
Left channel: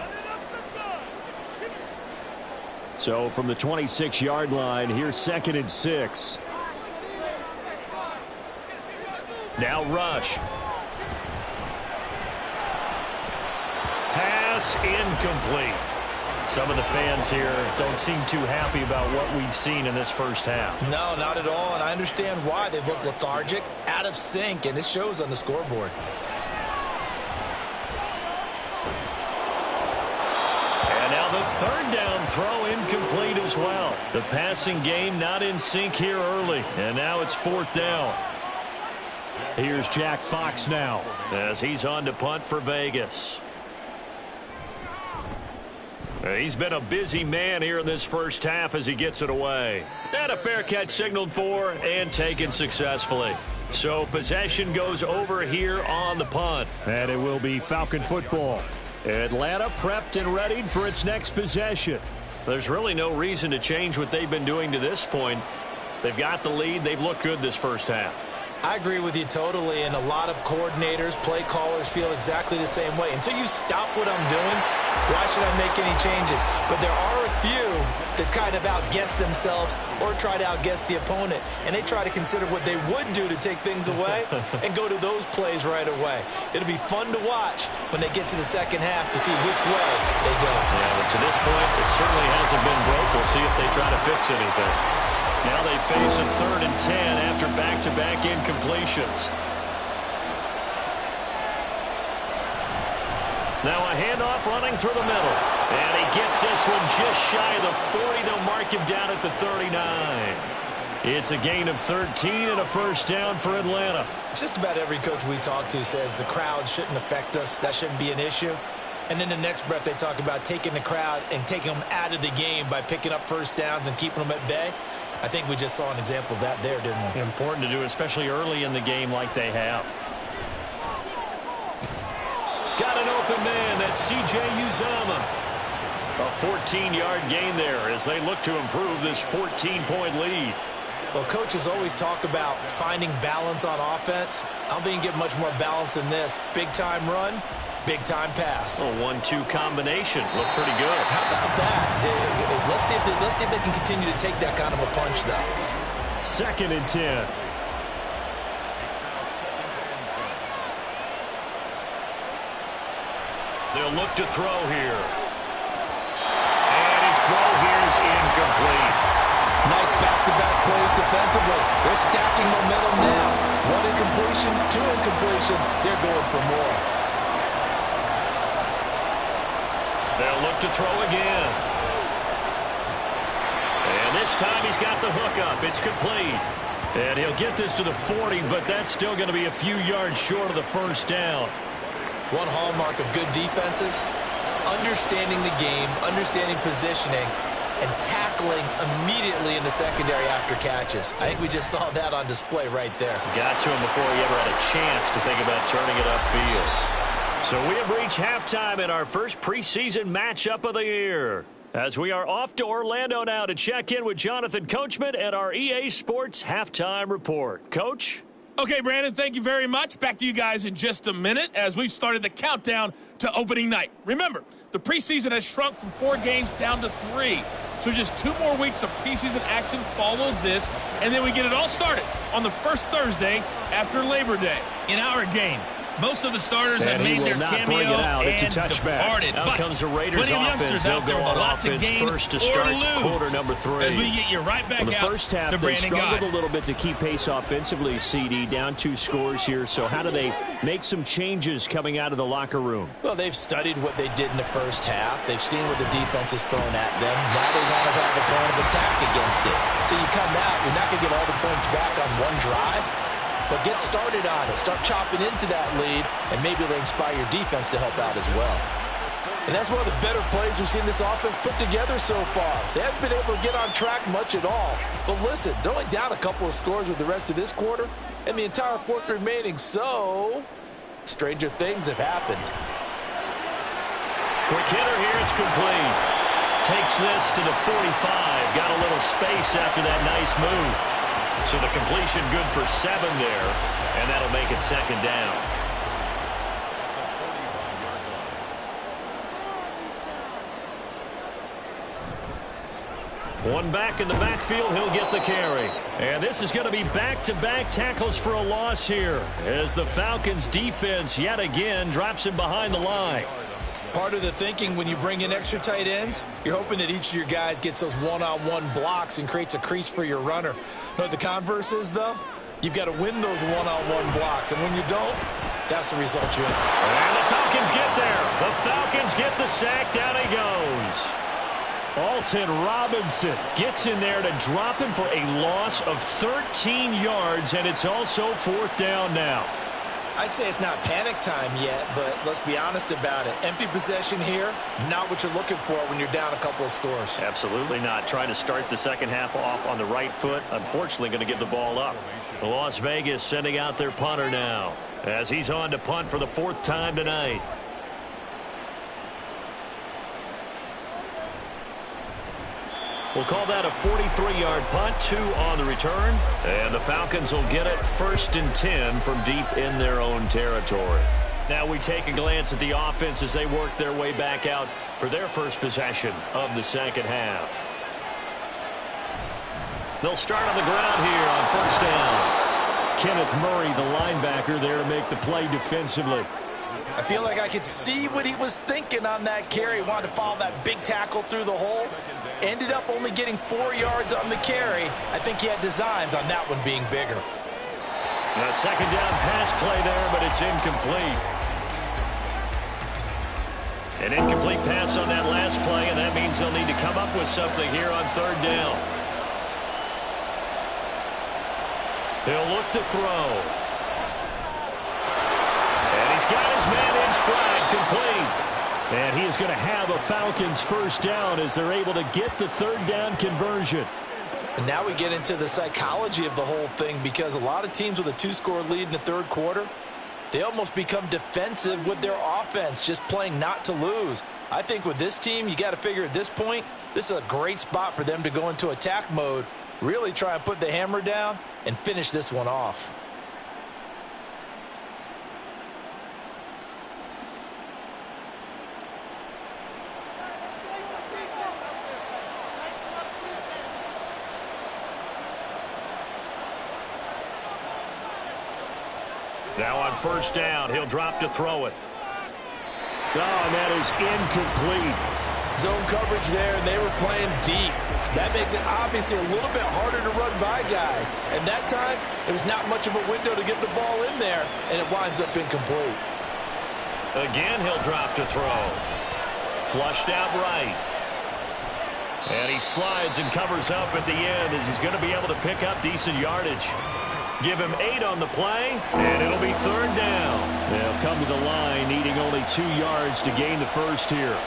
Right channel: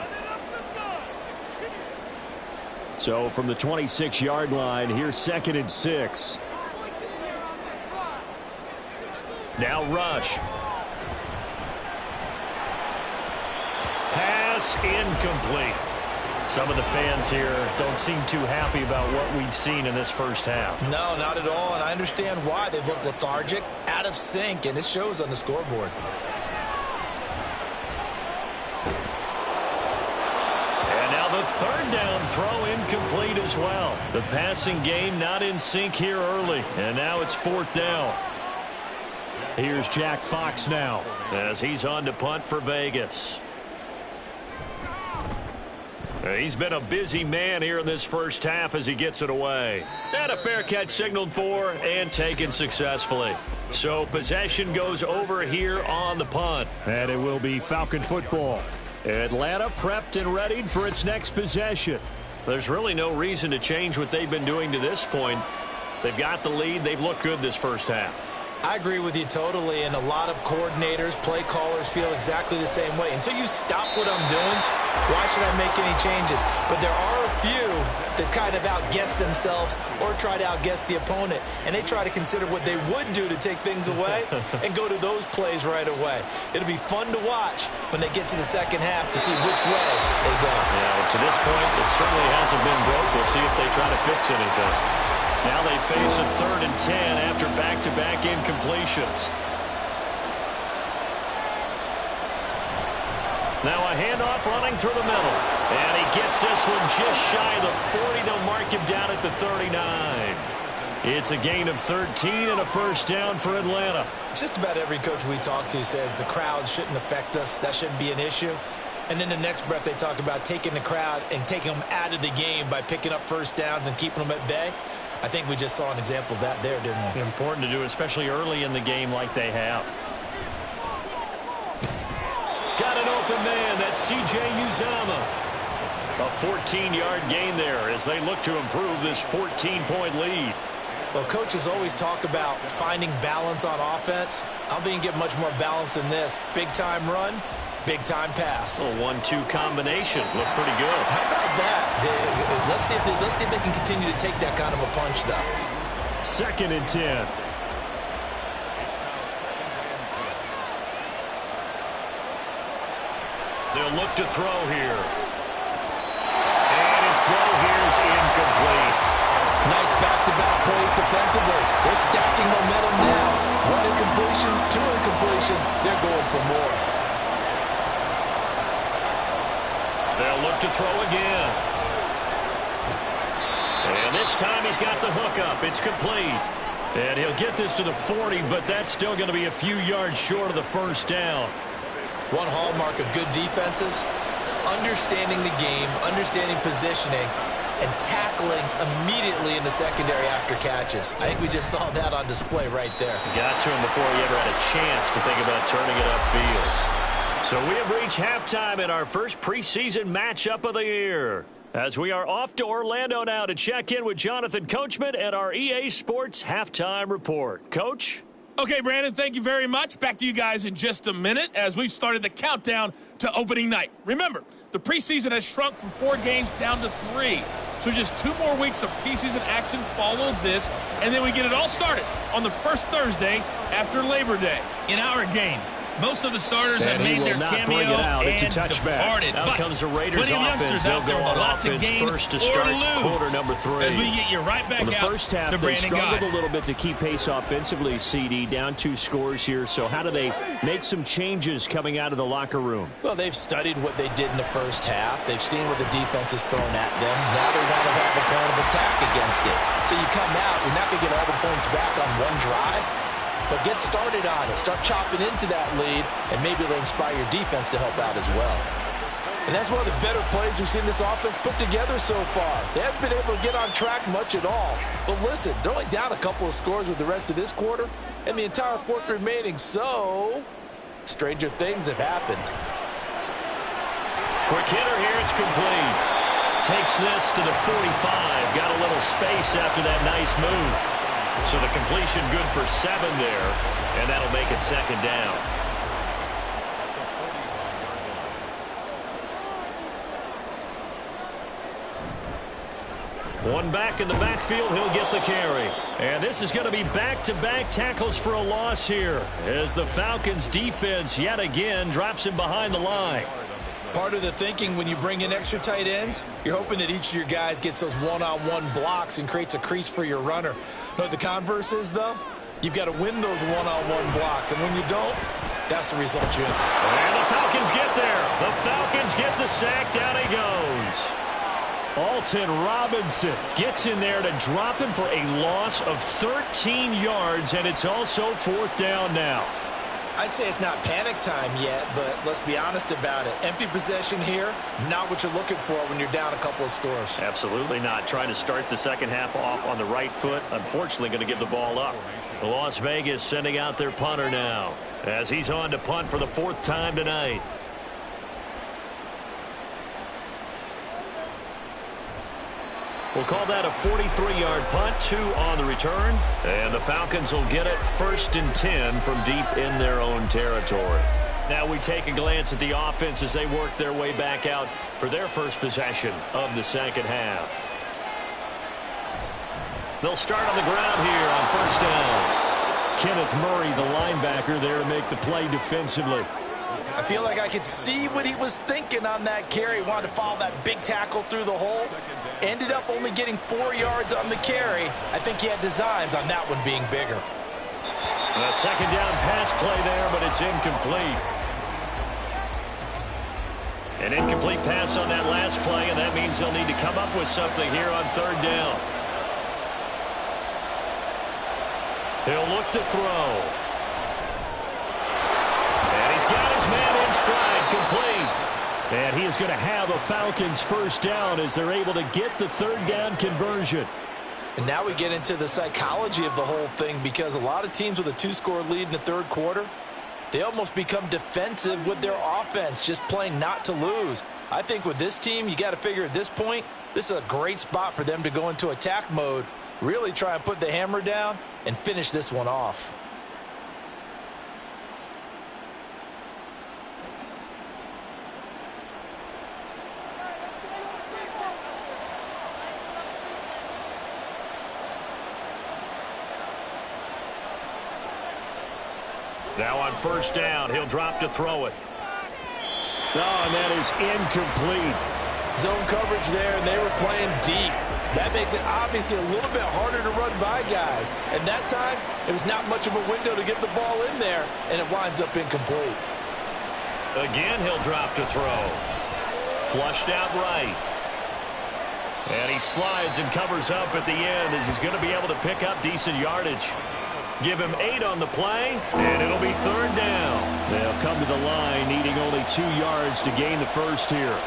So from the 26-yard line, here's 2nd and 6. Now rush. Pass incomplete. Some of the fans here don't seem too happy about what we've seen in this first half. No, not at all, and I understand why. They look lethargic, out of sync, and it shows on the scoreboard. And now the 3rd down throw incomplete as well. The passing game not in sync here early. And now it's 4th down. Here's Jack Fox now as he's on to punt for Vegas. He's been a busy man here in this first half as he gets it away. And a fair catch signaled for and taken successfully. So possession goes over here on the punt. And it will be Falcon football. Atlanta prepped and readied for its next possession. There's really no reason to change what they've been doing to this point. They've got the lead. They've looked good this first half. I agree with you totally, and a lot of coordinators, play callers feel exactly the same way. Until you stop what I'm doing, why should I make any changes? But there are a few that kind of outguess themselves or try to outguess the opponent, and they try to consider what they would do to take things away and go to those plays right away. It'll be fun to watch when they get to the second half to see which way they go. Yeah, well, to this point, it certainly hasn't been broke. We'll see if they try to fix anything. Now they face a 3rd and 10 after back-to-back incompletions. Now a handoff running through the middle. And he gets this one just shy of the 40. They'll mark him down at the 39. It's a gain of 13 and a first down for Atlanta. Just about every coach we talk to says the crowd shouldn't affect us. That shouldn't be an issue. And in the next breath, they talk about taking the crowd and taking them out of the game by picking up first downs and keeping them at bay. I think we just saw an example of that there, didn't we? Important to do, especially early in the game like they have. Got an open man. That's C.J. Uzomah. A 14-yard gain there as they look to improve this 14-point lead. Well, coaches always talk about finding balance on offense. I don't think you get much more balance than this. Big-time run, big-time pass. A 1-2 combination. Looked pretty good. How about that? Let's see if they can continue to take that kind of a punch, though. 2nd and 10. They'll look to throw here. And his throw here is incomplete. Nice back-to-back plays defensively. They're stacking momentum now. 1 incompletion, 2 incompletion. They're going for more. They'll look to throw again. And this time he's got the hook up. It's complete. And he'll get this to the 40, but that's still going to be a few yards short of the first down. One hallmark of good defenses is understanding the game, understanding positioning, and tackling immediately in the secondary after catches. I think we just saw that on display right there. Got to him before he ever had a chance to think about turning it upfield. So we have reached halftime in our first preseason matchup of the year, as we are off to Orlando now to check in with Jonathan Coachman and our EA Sports Halftime Report. Coach? Okay, Brandon, thank you very much. Back to you guys in just a minute as we've started the countdown to opening night. Remember, the preseason has shrunk from 4 games down to 3. So just 2 more weeks of preseason action follow this, and then we get it all started on the first Thursday after Labor Day. In our game, most of the starters have made their cameo and departed. Out comes the Raiders offense. They'll go on offense first to start quarter number 3. As we get you right back the out first half, to they Brandon struggled God. a little bit to keep pace offensively, CD. Down 2 scores here. So how do they make some changes coming out of the locker room? Well, they've studied what they did in the first half. They've seen what the defense is throwing at them. Now they want to have a plan of attack against it. So you come out, you're not going to get all the points back on one drive. But get started on it. Start chopping into that lead, and maybe it'll inspire your defense to help out as well. And that's one of the better plays we've seen this offense put together so far. They haven't been able to get on track much at all. But listen, they're only down a couple of scores with the rest of this quarter, and the entire 4th remaining, so stranger things have happened. Quick hitter here, it's complete. Takes this to the 45. Got a little space after that nice move. So the completion good for 7 there, and that'll make it 2nd down. One back in the backfield, he'll get the carry. And this is going to be back-to-back tackles for a loss here, as the Falcons defense yet again drops him behind the line. Part of the thinking when you bring in extra tight ends, you're hoping that each of your guys gets those one-on-one blocks and creates a crease for your runner. You know what the converse is, though? You've got to win those one-on-one blocks, and when you don't, that's the result you end. And the Falcons get there. The Falcons get the sack. Down he goes. Alton Robinson gets in there to drop him for a loss of 13 yards, and it's also 4th down now. I'd say it's not panic time yet, but let's be honest about it. Empty possession here, not what you're looking for when you're down a couple of scores. Absolutely not. Trying to start the second half off on the right foot. Unfortunately, going to give the ball up. Las Vegas sending out their punter now, as he's on to punt for the 4th time tonight. We'll call that a 43-yard punt, 2 on the return. And the Falcons will get it 1st and 10 from deep in their own territory. Now we take a glance at the offense as they work their way back out for their first possession of the second half. They'll start on the ground here on 1st down. Kenneth Murray, the linebacker, there to make the play defensively. I feel like I could see what he was thinking on that carry. He wanted to follow that big tackle through the hole. Ended up only getting 4 yards on the carry. I think he had designs on that one being bigger. A 2nd down pass play there, but it's incomplete. An incomplete pass on that last play, and that means they'll need to come up with something here on third down. He'll look to throw. And he's got his man in stride, complete. And he is going to have a Falcons first down as they're able to get the third down conversion. And now we get into the psychology of the whole thing, because a lot of teams with a 2-score lead in the third quarter, they almost become defensive with their offense, just playing not to lose. I think with this team, you got to figure at this point, this is a great spot for them to go into attack mode, really try and put the hammer down and finish this one off. Now on first down, he'll drop to throw it. Oh, and that is incomplete. Zone coverage there, and they were playing deep. That makes it obviously a little bit harder to run by guys. And that time, it was not much of a window to get the ball in there, and it winds up incomplete. Again, he'll drop to throw. Flushed out right. And he slides and covers up at the end as he's going to be able to pick up decent yardage. Give him 8 on the play, and it'll be third down. They'll come to the line needing only 2 yards to gain the first here.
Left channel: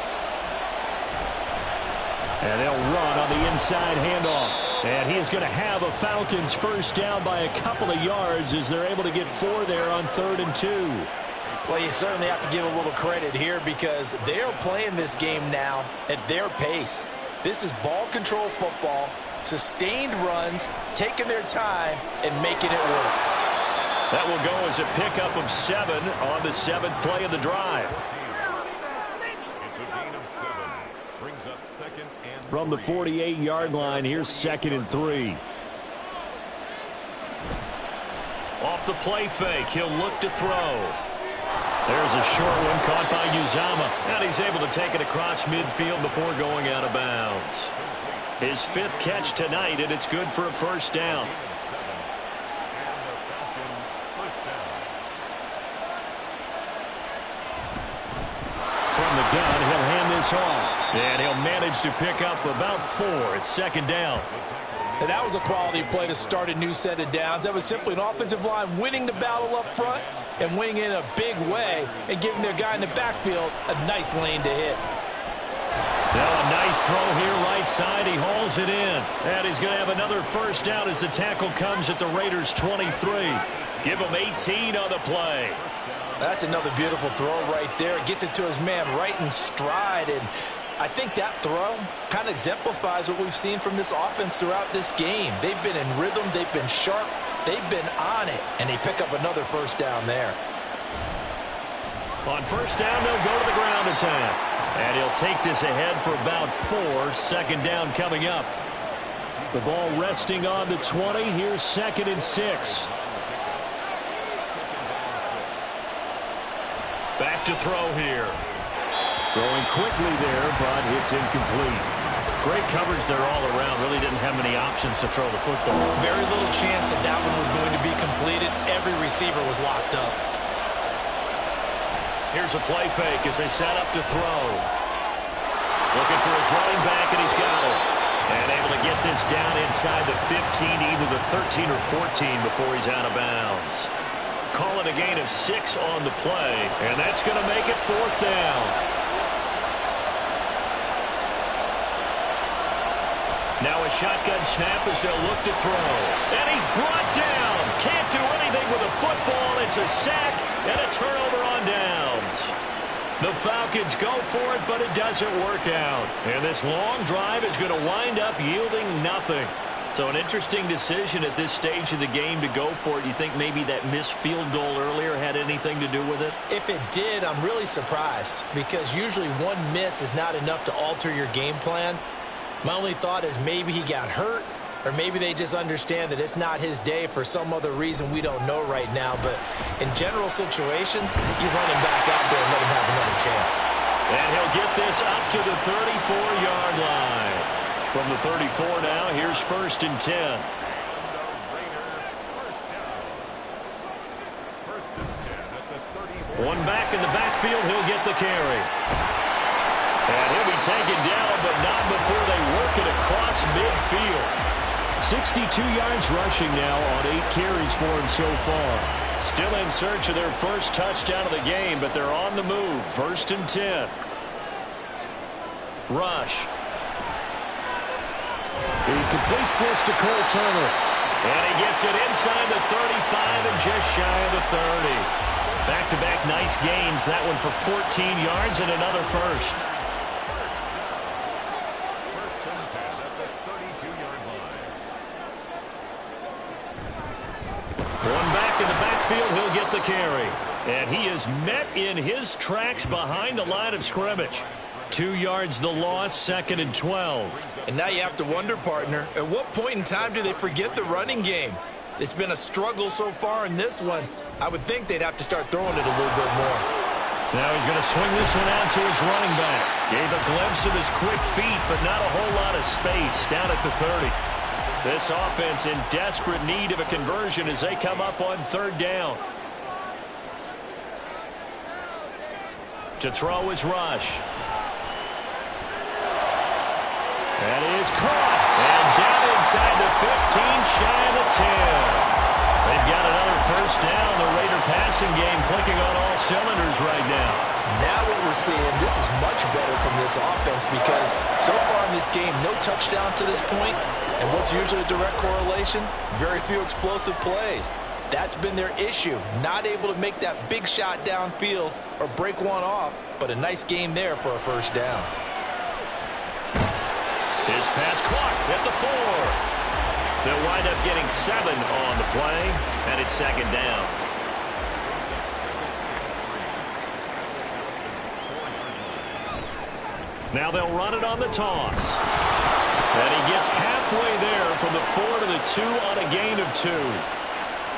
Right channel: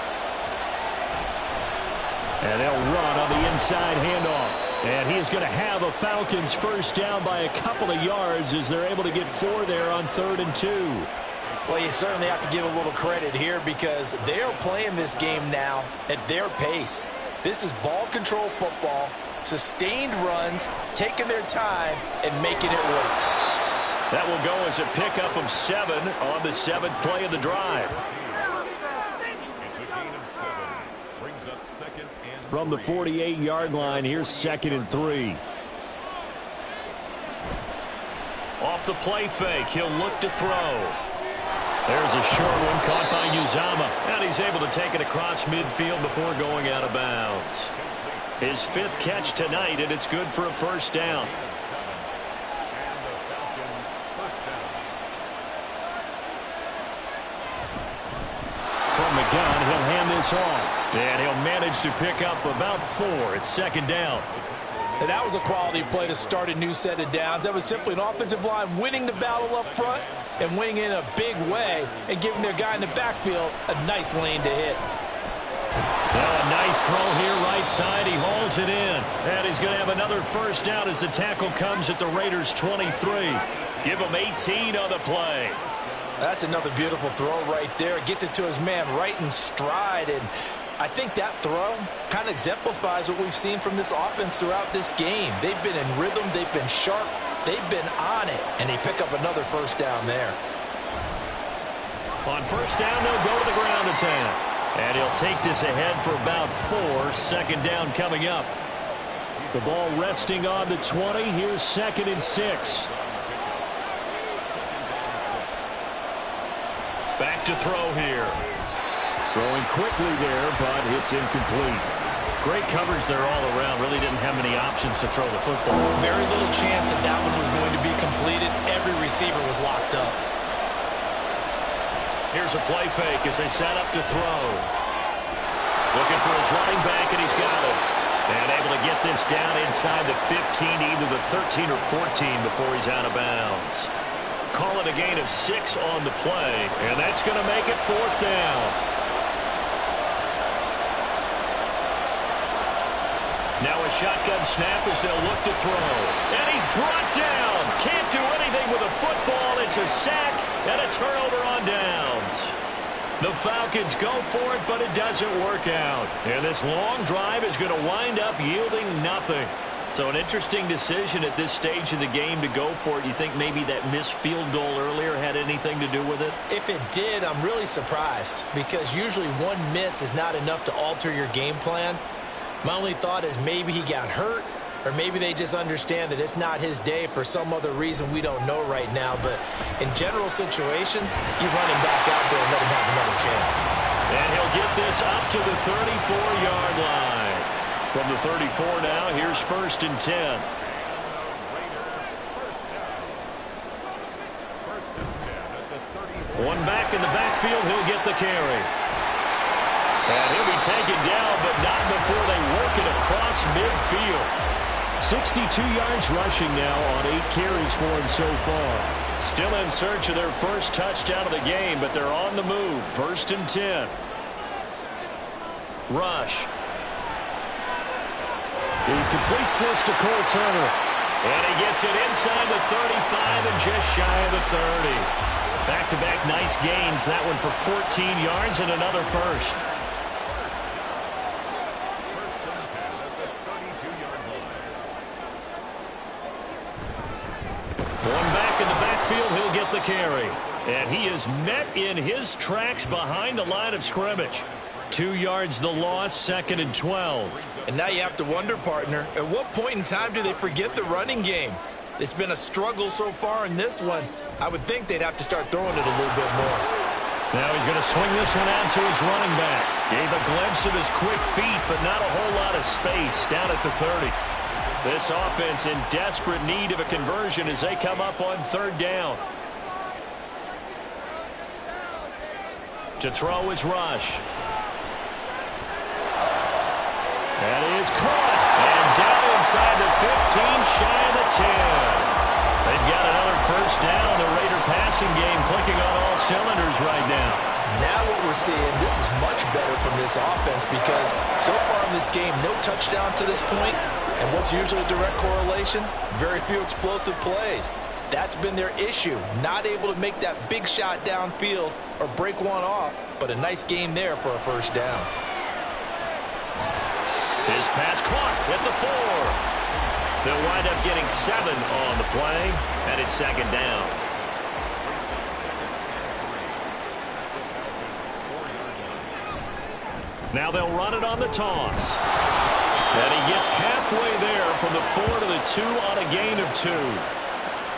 And they'll run on the inside handoff. And he is going to have a Falcons first down by a couple of yards as they're able to get 4 there on 3rd and 2. Well, you certainly have to give a little credit here because they are playing this game now at their pace. This is ball control football. Sustained runs, taking their time, and making it work. That will go as a pickup of 7 on the 7th play of the drive. It's a gain of 7. Brings up 2nd and 3. From the 48-yard line, here's 2nd and 3. Off the play fake, he'll look to throw. There's a short one caught by Uzama, and he's able to take it across midfield before going out of bounds. His 5th catch tonight, and it's good for a first down. From the gun, he'll hand this off. And he'll manage to pick up about 4. It's 2nd down. And that was a quality play to start a new set of downs. That was simply an offensive line winning the battle up front and winning in a big way and giving their guy in the backfield a nice lane to hit. Now a nice throw here right side. He hauls it in. And he's going to have another first down as the tackle comes at the Raiders' 23. Give him 18 on the play. That's another beautiful throw right there. Gets it to his man right in stride. And I think that throw kind of exemplifies what we've seen from this offense throughout this game. They've been in rhythm. They've been sharp. They've been on it. And they pick up another first down there. On first down, they'll go to the ground attack. And he'll take this ahead for about 4. 2nd down coming up. The ball resting on the 20. Here's 2nd and 6. Back to throw here. Throwing quickly there, but it's incomplete. Great coverage there all around. Really didn't have many options to throw the football. Very little chance that that one was going to be completed. Every receiver was locked up. Here's a play fake as they set up to throw. Looking for his running back, and he's got it. And able to get this down inside the 15, either the 13 or 14 before he's out of bounds. Call it a gain of 6 on the play, and that's going to make it 4th down. Now a shotgun snap as they'll look to throw. And he's brought down. Can't do anything with a football. It's a sack and a turnover on downs. The Falcons go for it, but it doesn't work out. And this long drive is going to wind up yielding nothing. So an interesting decision at this stage of the game to go for it. You think maybe that missed field goal earlier had anything to do with it? If it did, I'm really surprised because usually one miss is not enough to alter your game plan. My only thought is maybe he got hurt or maybe they just understand that it's not his day for some other reason we don't know right now. But in general situations, you run him back out there and let him have another chance. And he'll get this up to the 34-yard line. From the 34 now, here's 1st and 10. One back in the backfield, he'll get the carry. And he'll be taken down, but not before they work it across midfield. 62 yards rushing now on 8 carries for him so far. Still in search of their first touchdown of the game, but they're on the move. 1st and 10. Rush. He completes this to Cole Turner. And he gets it inside the 35 and just shy of the 30. Back-to-back nice gains. That one for 14 yards and another first. First and 10 at the 32-yard line. One back in the backfield, he'll get the carry. And he is met in his tracks behind the line of scrimmage. 2 yards the loss, 2nd and 12. And now you have to wonder, partner, at what point in time do they forget the running game? It's been a struggle so far in this one. I would think they'd have to start throwing it a little bit more. Now he's going to swing this one out to his running back. Gave a glimpse of his quick feet, but not a whole lot of space down at the 30. This offense in desperate need of a conversion as they come up on 3rd down. To throw is Rush. And he is caught. And down inside the 15, shy of the 10. They've got another first down. The Raider passing game clicking on all cylinders right now. Now what we're seeing, this is much better from this offense because so far in this game, no touchdown to this point. And what's usually a direct correlation? Very few explosive plays. That's been their issue. Not able to make that big shot downfield or break one off, but a nice game there for a first down. His pass caught at the 4. They'll wind up getting 7 on the play, and it's 2nd down. Brings up 2nd and 3 at the Falcons' 4-yard line. Now they'll run it on the toss. And he gets halfway there from the 4 to the 2 on a gain of 2.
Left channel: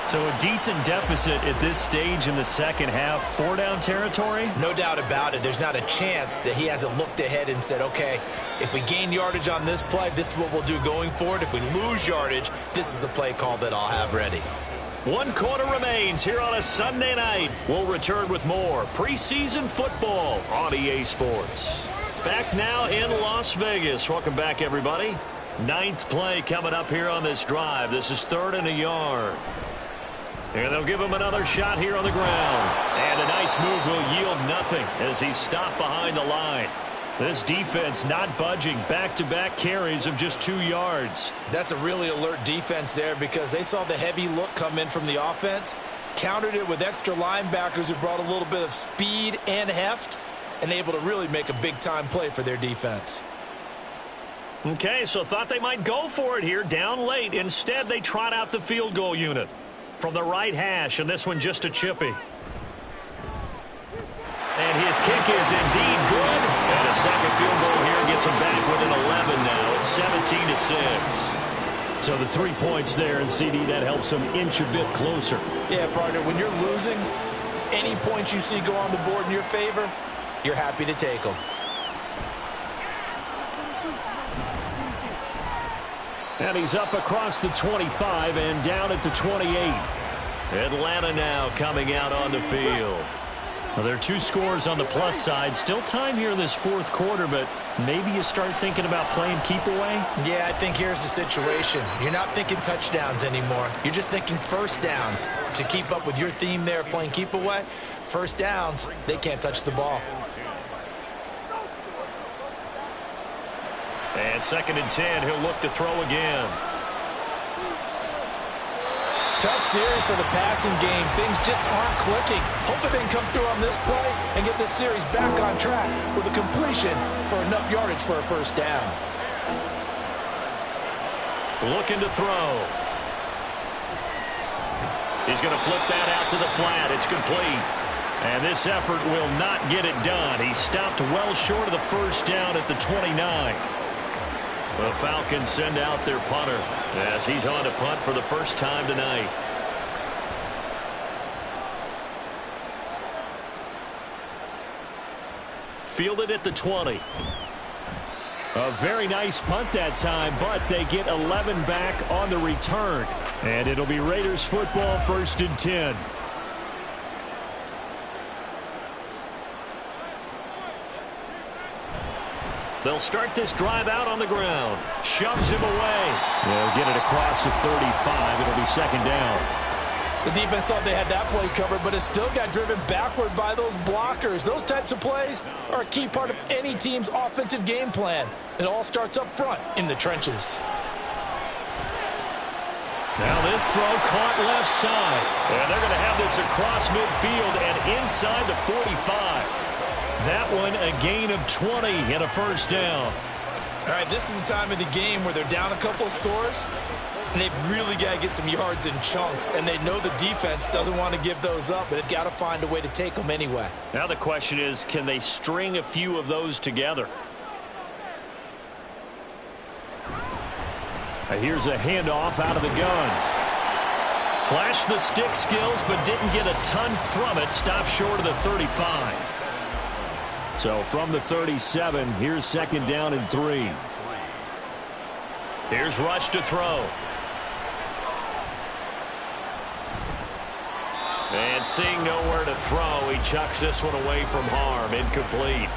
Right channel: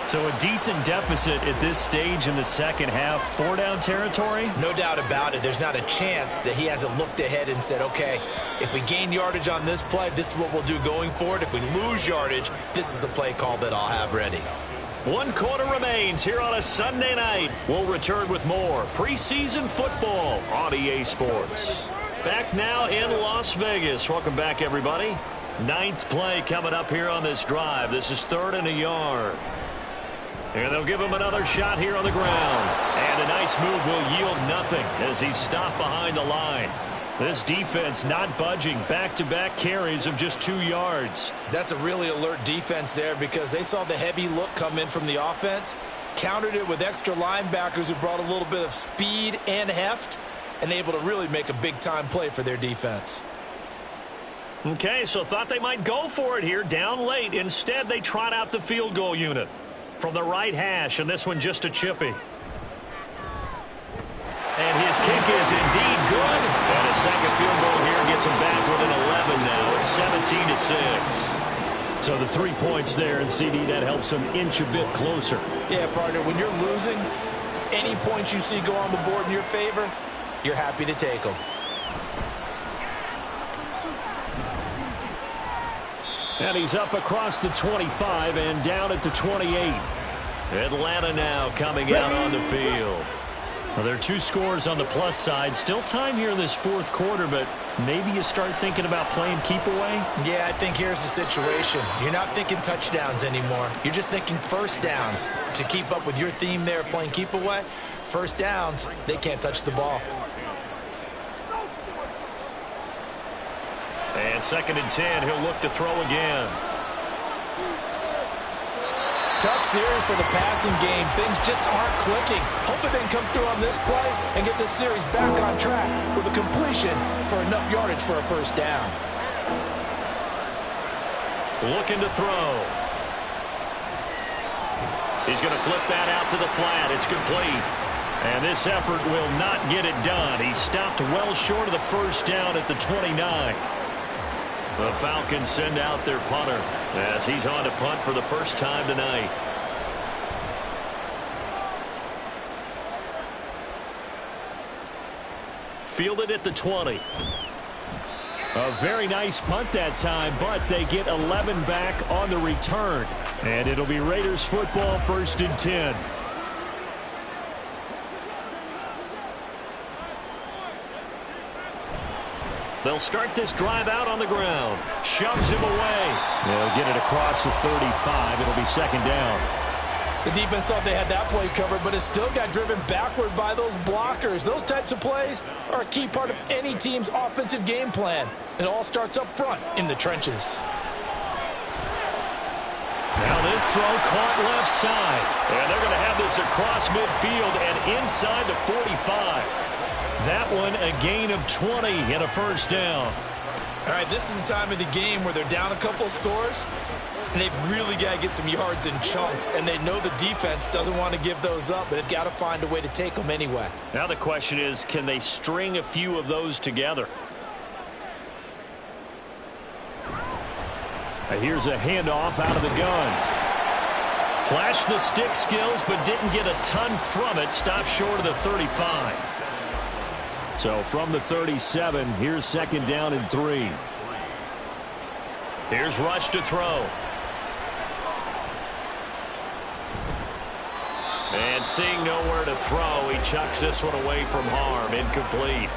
So a decent deficit at this stage in the second half. 4-down territory? No doubt about it. There's not a chance that he hasn't looked ahead and said, okay, if we gain yardage on this play, this is what we'll do going forward. If we lose yardage, this is the play call that I'll have ready. 1 quarter remains here on a Sunday night. We'll return with more preseason football on EA Sports. Back now in Las Vegas. Welcome back, everybody. 9th play coming up here on this drive. This is 3rd and a yard. And they'll give him another shot here on the ground. And a nice move will yield nothing as he's stopped behind the line. This defense not budging. Back-to-back carries of just 2 yards. That's a really alert defense there because they saw the heavy look come in from the offense, countered it with extra linebackers who brought a little bit of speed and heft, and able to really make a big-time play for their defense. Okay, so thought they might go for it here down late. Instead, they trot out the field goal unit from the right hash, and this one just a chippy. And his kick is indeed good. And a second field goal here gets him back within 11 now. It's 17-6. So the 3 points there, and CD, that helps him inch a bit closer. Yeah, partner, when you're losing, any points you see go on the board in your favor, you're happy to take them. And he's up across the 25 and down at the 28. Atlanta now coming out on the field. Well, there are 2 scores on the plus side. Still time here in this 4th quarter, but maybe you start thinking about playing keep away? Yeah, I think here's the situation. You're not thinking touchdowns anymore. You're just thinking first downs. To keep up with your theme there, playing keep away, first downs, they can't touch the ball. And 2nd and 10, he'll look to throw again. Tough series for the passing game. Things just aren't clicking. Hoping they can come through on this play and get this series back on track with a completion for enough yardage for a first down. Looking to throw. He's going to flip that out to the flat. It's complete. And this effort will not get it done. He stopped well short of the first down at the 29. The Falcons send out their punter as he's on to punt for the first time tonight. Fielded at the 20. A very nice punt that time, but they get 11 back on the return. And it'll be Raiders football, 1st and 10. They'll start this drive out on the ground. Shoves him away. They'll get it across the 35. It'll be second down. The defense thought they had that play covered, but it still got driven backward by those blockers. Those types of plays are a key part of any team's offensive game plan. It all starts up front in the trenches. Now this throw caught left side. And they're going to have this across midfield and inside the 45. That one a gain of 20 and a first down. All right, this is the time of the game where they're down a couple of scores, and they've really got to get some yards in chunks, and they know the defense doesn't want to give those up, but they've got to find a way to take them anyway. Now the question is, can they string a few of those together? Here's a handoff out of the gun. Flashed the stick skills, but didn't get a ton from it. Stopped short of the 35. So from the 37, here's second down and 3. Here's Rush to throw. And seeing nowhere to throw, he chucks this one away from harm. Incomplete.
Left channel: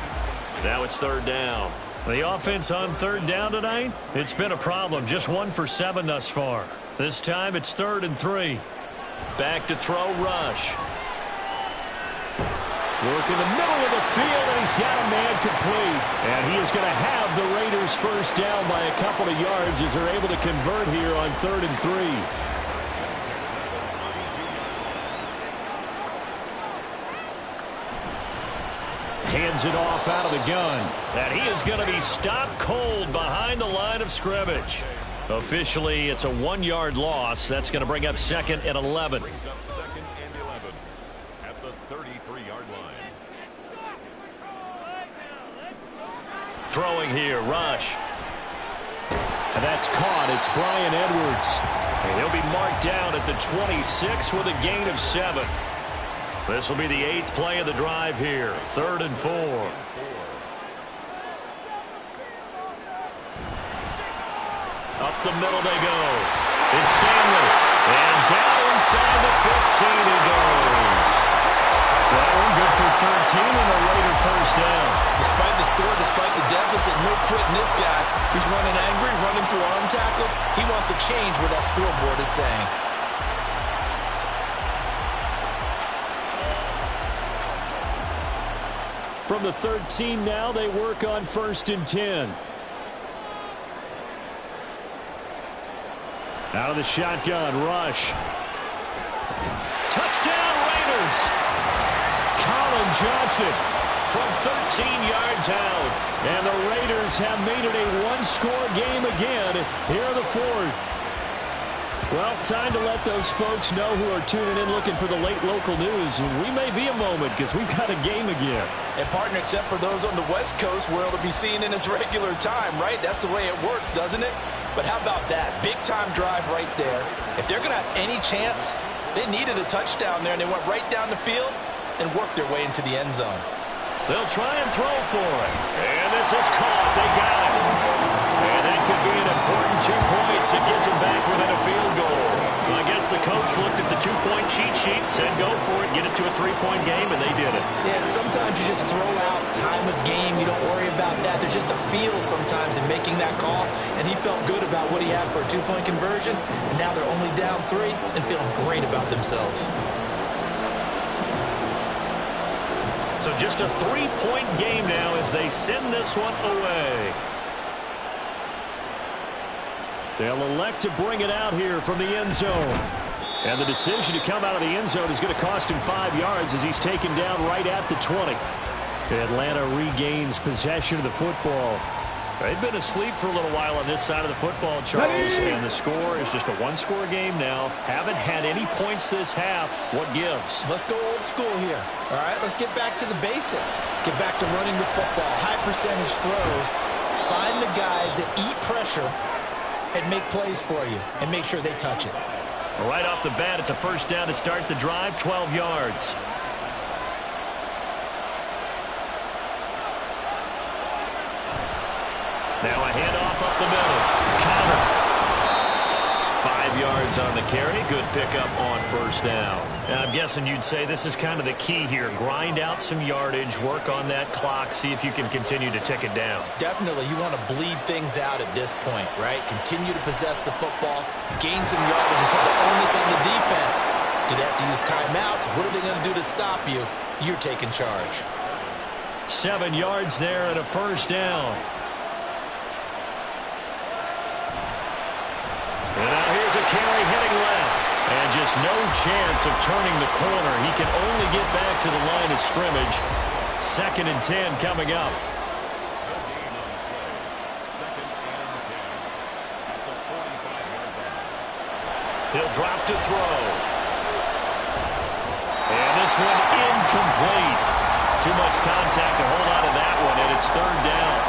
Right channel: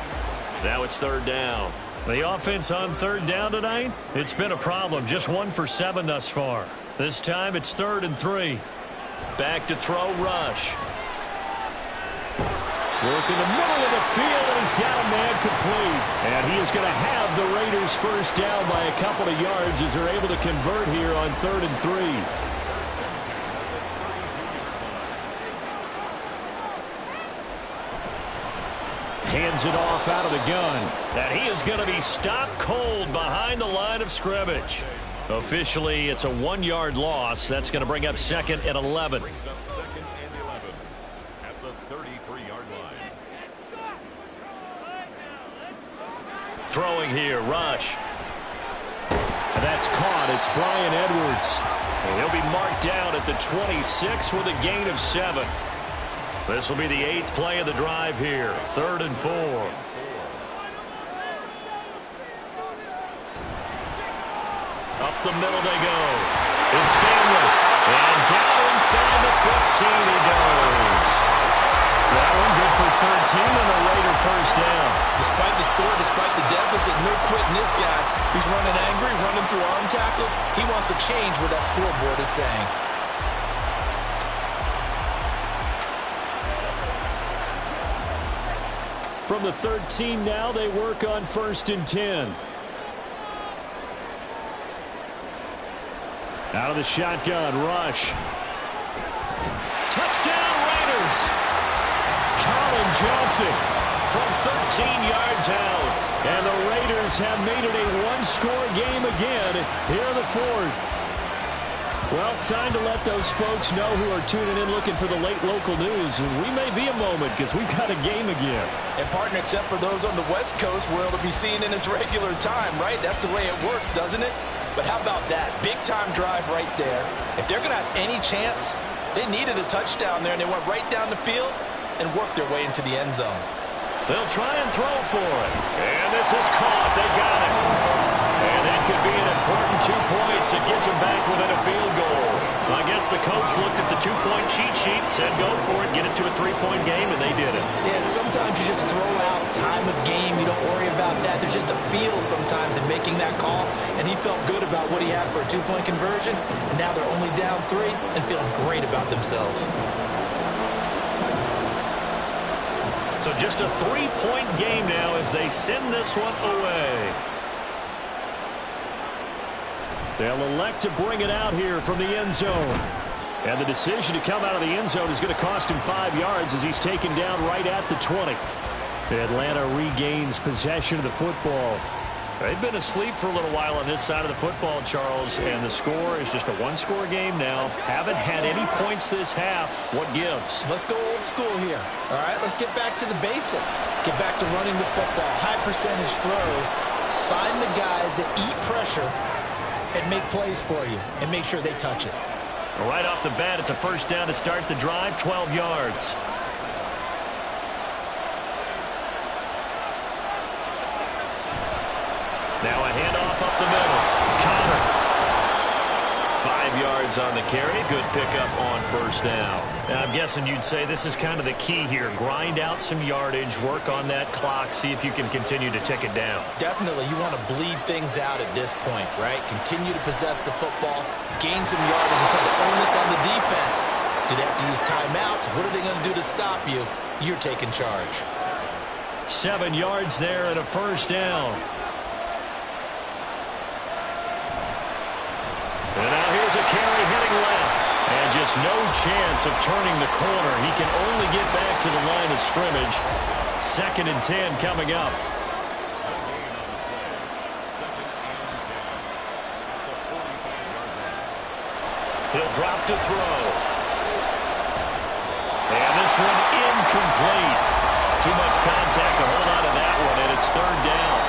Now it's third down. The offense on third down tonight, it's been a problem. Just 1 for 7 thus far. This time it's 3rd and 3. Back to throw, Rush. Work in the middle of the field, and he's got a man complete. And he is going to have the Raiders first down by a couple of yards as they're able to convert here on 3rd and 3. Hands it off out of the gun. And he is going to be stopped cold behind the line of scrimmage. Officially, it's a 1-yard loss. That's going to bring up 2nd and 11. Brings up 2nd and 11 at the 33-yard line. Throwing here, Rush. And that's caught. It's Brian Edwards. And he'll be marked down at the 26 with a gain of 7. This will be the 8th play of the drive here. 3rd and 4. Up the middle they go. It's Stanley. And down inside the 15 he goes. That one good for 13 and a Raider first down. Despite the score, despite the deficit, no quitting this guy. He's running angry, running through arm tackles. He wants to change what that scoreboard is saying. From the 13 now, they work on 1st and 10. Out of the shotgun, Rush. Touchdown, Raiders! Colin Johnson from 13 yards out. And the Raiders have made it a 1-score game again here in the 4th. Well, time to let those folks know who are tuning in looking for the late local news. We may be a moment because we've got a game again. And partner, except for those on the West Coast, where it'll be seen in its regular time, right? That's the way it works, doesn't it? But how about that? Big-time drive right there. If they're going to have any chance, they needed a touchdown there, and they went right down the field and worked their way into the end zone. They'll try and throw for it. And this is caught. They got it. And that could be an important 2 points that gets them back within a field goal. I guess the coach looked at the 2-point cheat sheet, said go for it, get it to a 3-point game, and they did it. Yeah, and sometimes you just throw out time of game. You don't worry about that. There's just a feel sometimes in making that call, and he felt good about what he had for a 2-point conversion, and now they're only down 3 and feeling great about themselves. So just a 3-point game now as they send this one away. They'll elect to bring it out here from the end zone. And the decision to come out of the end zone is going to cost him 5 yards as he's taken down right at the 20. Atlanta regains possession of the football. They've been asleep for a little while on this side of the football, Charles, and the score is just a 1-score game now. Haven't had any points this half. What gives? Let's go old school here. All right, let's get back to the basics. Get back to running the football, high percentage throws. Find the guys that eat pressure and make plays for you, and make sure they touch it. Right off the bat, it's a first down to start the drive, 12 yards. Now a handoff up the middle. Connor. 5 5 yards on the carry. Good pickup on first down. Now, I'm guessing you'd say this is kind of the key here. Grind out some yardage, work on that clock, see if you can continue to tick it down. Definitely, you want to bleed things out at this point, right? Continue to possess the football, gain some yardage, and put the onus on the defense. Do they have to use timeouts? What are they going to do to stop you? You're taking charge. 7 yards there and a first down. And now here's a carry heading left. And just no chance of turning the corner. He can only get back to the line of scrimmage. 2nd and 10 coming up. No gain on the play. 2nd and 10 at the 45-yard line. He'll drop to throw. And this one incomplete. Too much contact to hold on to that one, and it's 3rd down.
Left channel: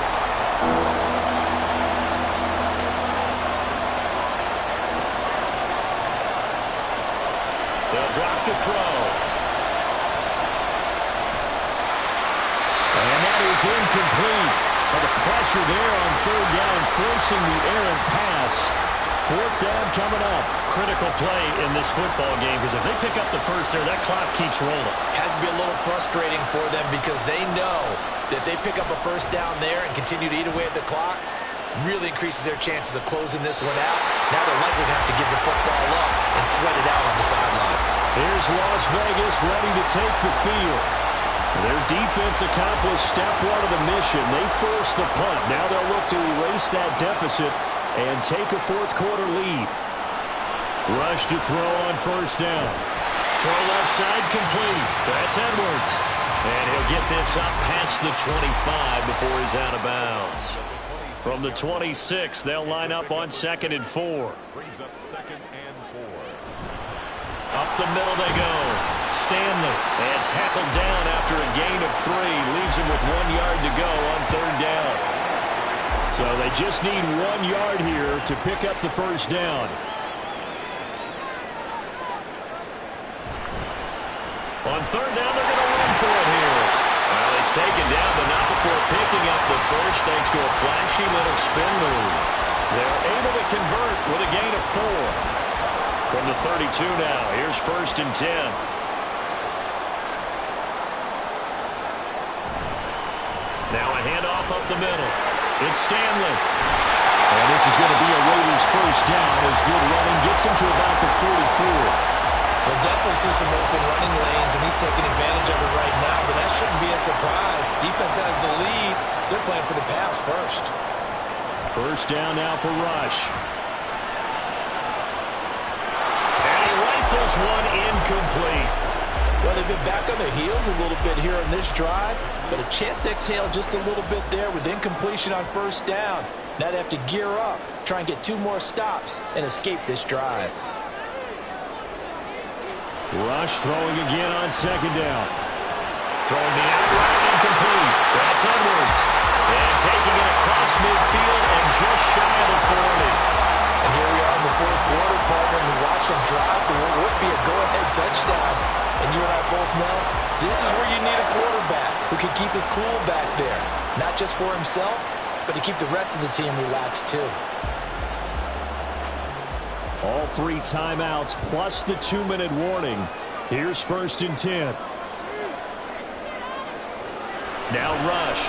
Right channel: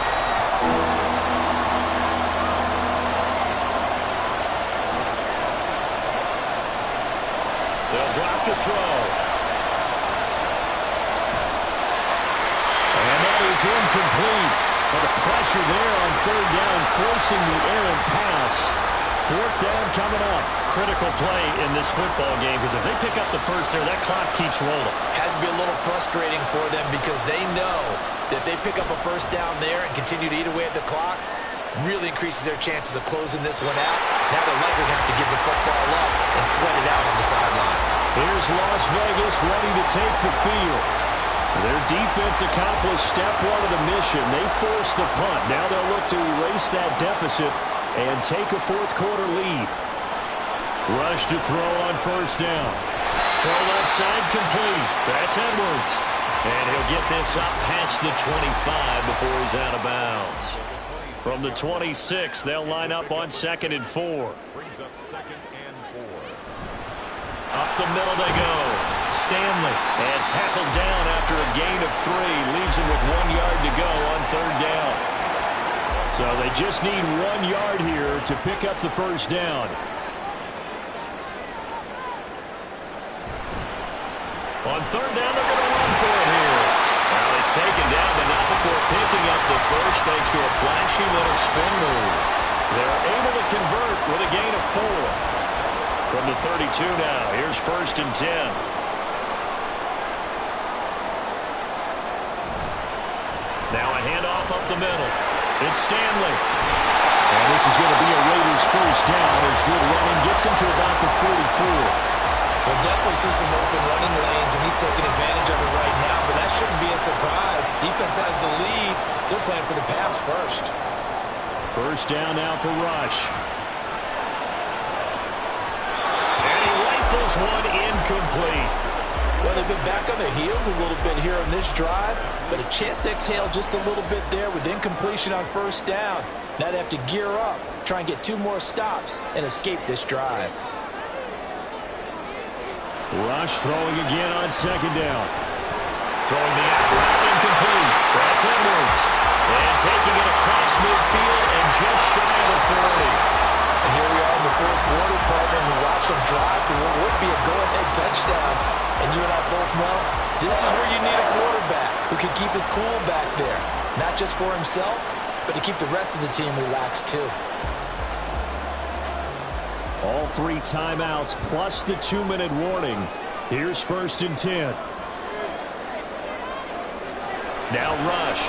They'll drop to throw. And that is incomplete. But the pressure there on 3rd down, forcing the errant pass. 4th down coming up. Critical play in this football game, because if they pick up the first there, that clock keeps rolling. Has to be a little frustrating for them because they know that they pick up a first down there and continue to eat away at the clock, really increases their chances of closing this one out. Now they're likely going to have to give the football up and sweat it out on the sideline. Here's Las Vegas ready to take the field. Their defense accomplished step 1 of the mission. They forced the punt. Now they'll look to erase that deficit and take a 4th quarter lead. Rush to throw on first down. Throw left side complete. That's Edwards. And he'll get this up past the 25 before he's out of bounds. From the 26, they'll line up on 2nd and 4. Brings up 2nd and 4. Up the middle they go. Stanley. And tackled down after a gain of 3. Leaves him with 1 yard to go on 3rd down. So they just need 1 yard here to pick up the first down. On 3rd down, they're going to run for it here. Well, it's taken down, but not before picking up the first thanks to a flashy little spin move. They're able to convert with a gain of 4. From the 32 now, here's 1st and 10. Now a handoff up the middle. It's Stanley. And this is going to be a Raiders first down as good running gets him to about the 44. We'll definitely see some open running lanes, and he's taking advantage of it right now, but that shouldn't be a surprise. Defense has the lead. They're playing for the pass first. First down now for Rush. And he rifles one incomplete. Well, they've been back on their heels a little bit here on this drive, but a chance to exhale just a little bit there with incompletion on first down. Now they have to gear up, try and get 2 more stops, and escape this drive. Rush throwing again on 2nd down. Throwing the out route incomplete. That's Edwards. And taking it across midfield and just shy of the 40. And here we are in the 4th quarter, partner, and we watch them drive for what would be a go-ahead touchdown. And you and I both know this is where you need a quarterback who can keep his cool back there. Not just for himself, but to keep the rest of the team relaxed too. All 3 timeouts plus the 2-minute warning. Here's 1st and 10. Now Rush.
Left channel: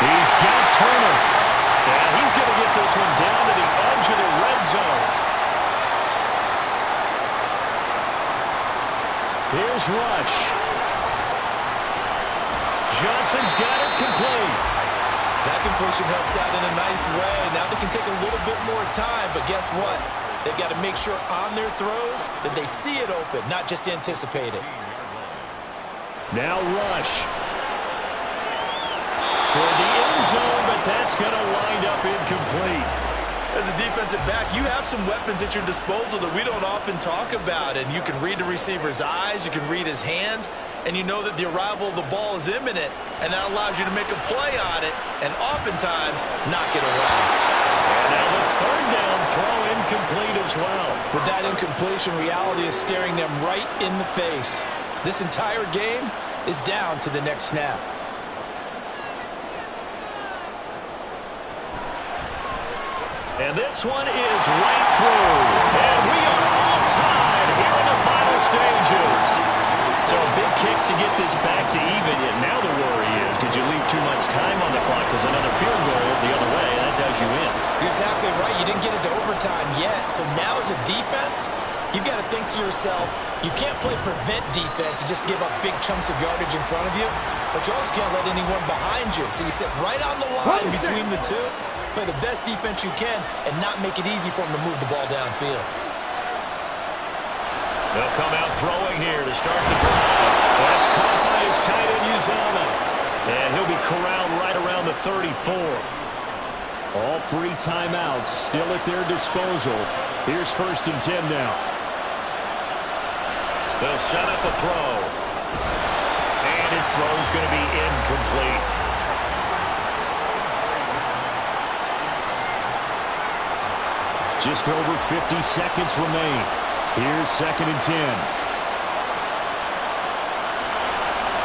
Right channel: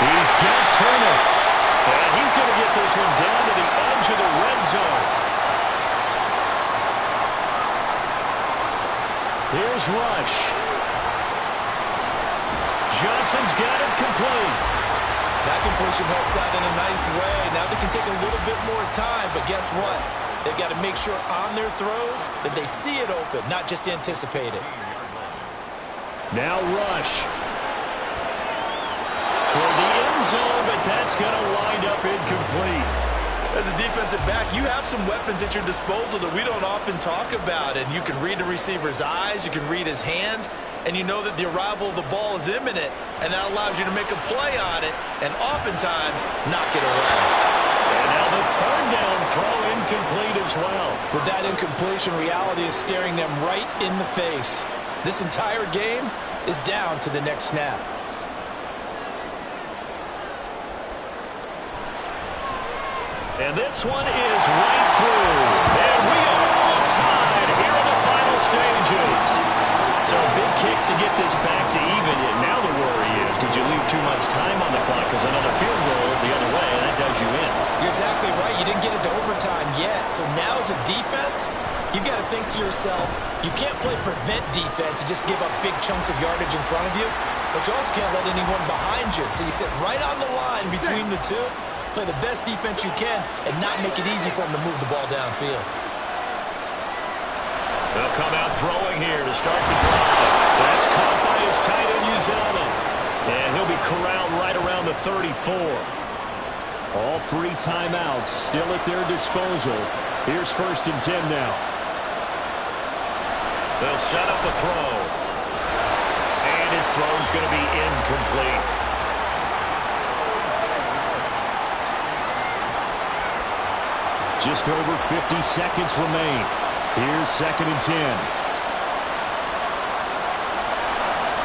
He's got Turner. And he's going to get this one down to the edge of the red zone. Here's Rush. Johnson's got it complete. That completion helps out in a nice way. Now they can take a little bit more time, but guess what? They've got to make sure on their throws that they see it open, not just anticipate it. Now Rush. Toward the end zone, but that's going to wind up incomplete. As a defensive back, you have some weapons at your disposal that we don't often talk about, and you can read the receiver's eyes, you can read his hands, and you know that the arrival of the ball is imminent, and that allows you to make a play on it and oftentimes knock it away. And now the 3rd down throw incomplete as well. With that incompletion, reality is staring them right in the face. This entire game is down to the next snap. And this one is right through. And we are all tied here in the final stages. So a big kick to get this back to even. Yet now the worry is, did you leave too much time on the clock? Because another field goal the other way, that does you in. You're exactly right. You didn't get it to overtime yet. So now as a defense, you've got to think to yourself, you can't play prevent defense and just give up big chunks of yardage in front of you. But you also can't let anyone behind you. So you sit right on the line between the two, play the best defense you can, and not make it easy for them to move the ball downfield. They'll come out throwing here to start the drive. That's caught by his tight end, Uzomah. And he'll be corralled right around the 34. All 3 timeouts still at their disposal. Here's 1st and 10 now. They'll set up a throw. And his throw's going to be incomplete. Just over 50 seconds remain. Here's 2nd and 10.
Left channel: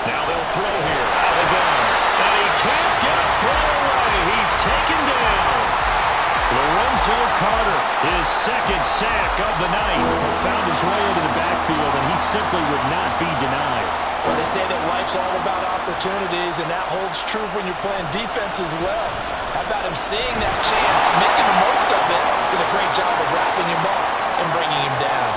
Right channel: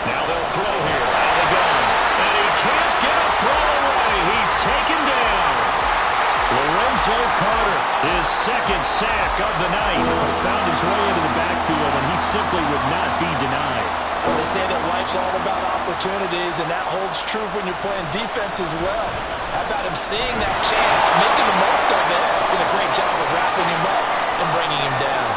Now they'll throw here out of the gun. And he can't get a throw away. He's taken down. Lorenzo Carter, his 2nd sack of the night, found his way into the backfield, and he simply would not be denied. Well, they say that life's all about opportunities, and that holds true when you're playing defense as well. How about him seeing that chance, making the most of it, did a great job of wrapping him up and bringing him down.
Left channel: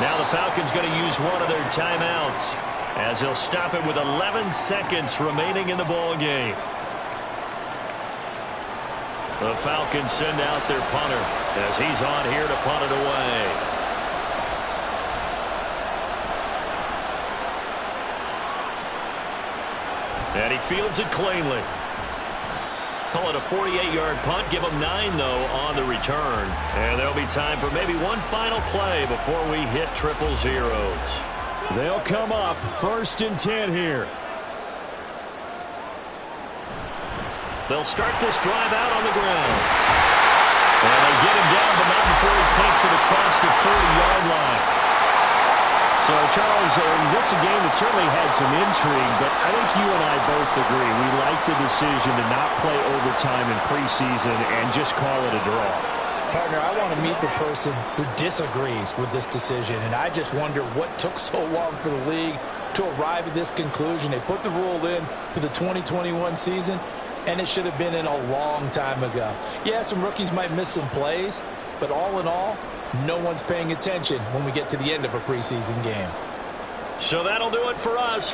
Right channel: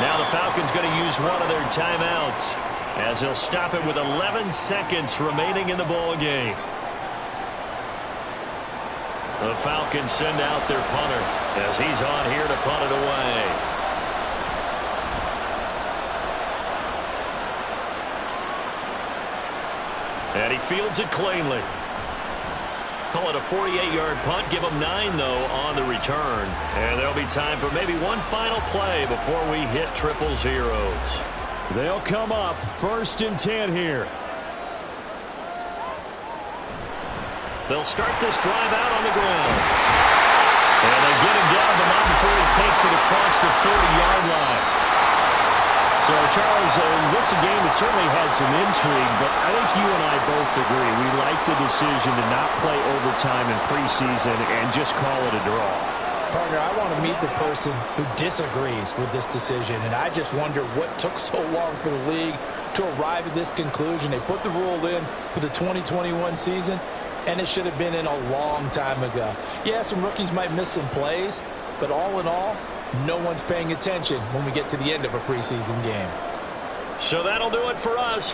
Now the Falcons going to use one of their timeouts as they'll stop it with 11 seconds remaining in the ball game. The Falcons send out their punter as he's on here to punt it away. And he fields it cleanly. Call it a 48-yard punt. Give them 9, though, on the return. And there'll be time for maybe one final play before we hit 000. They'll come up 1st and 10 here. They'll start this drive out on the ground. And they get him down, but not before he takes it across the 30-yard line. So, Charles, this is a game that certainly had some intrigue, but I think you and I both agree. We like the decision to not play overtime in preseason and just call it a draw. Partner, I want to meet the person who disagrees with this decision, and I just wonder what took so long for the league to arrive at this conclusion. They put the rule in for the 2021 season, and it should have been in a long time ago. Yeah, some rookies might miss some plays, but all in all, no one's paying attention when we get to the end of a preseason game. So that'll do it for us.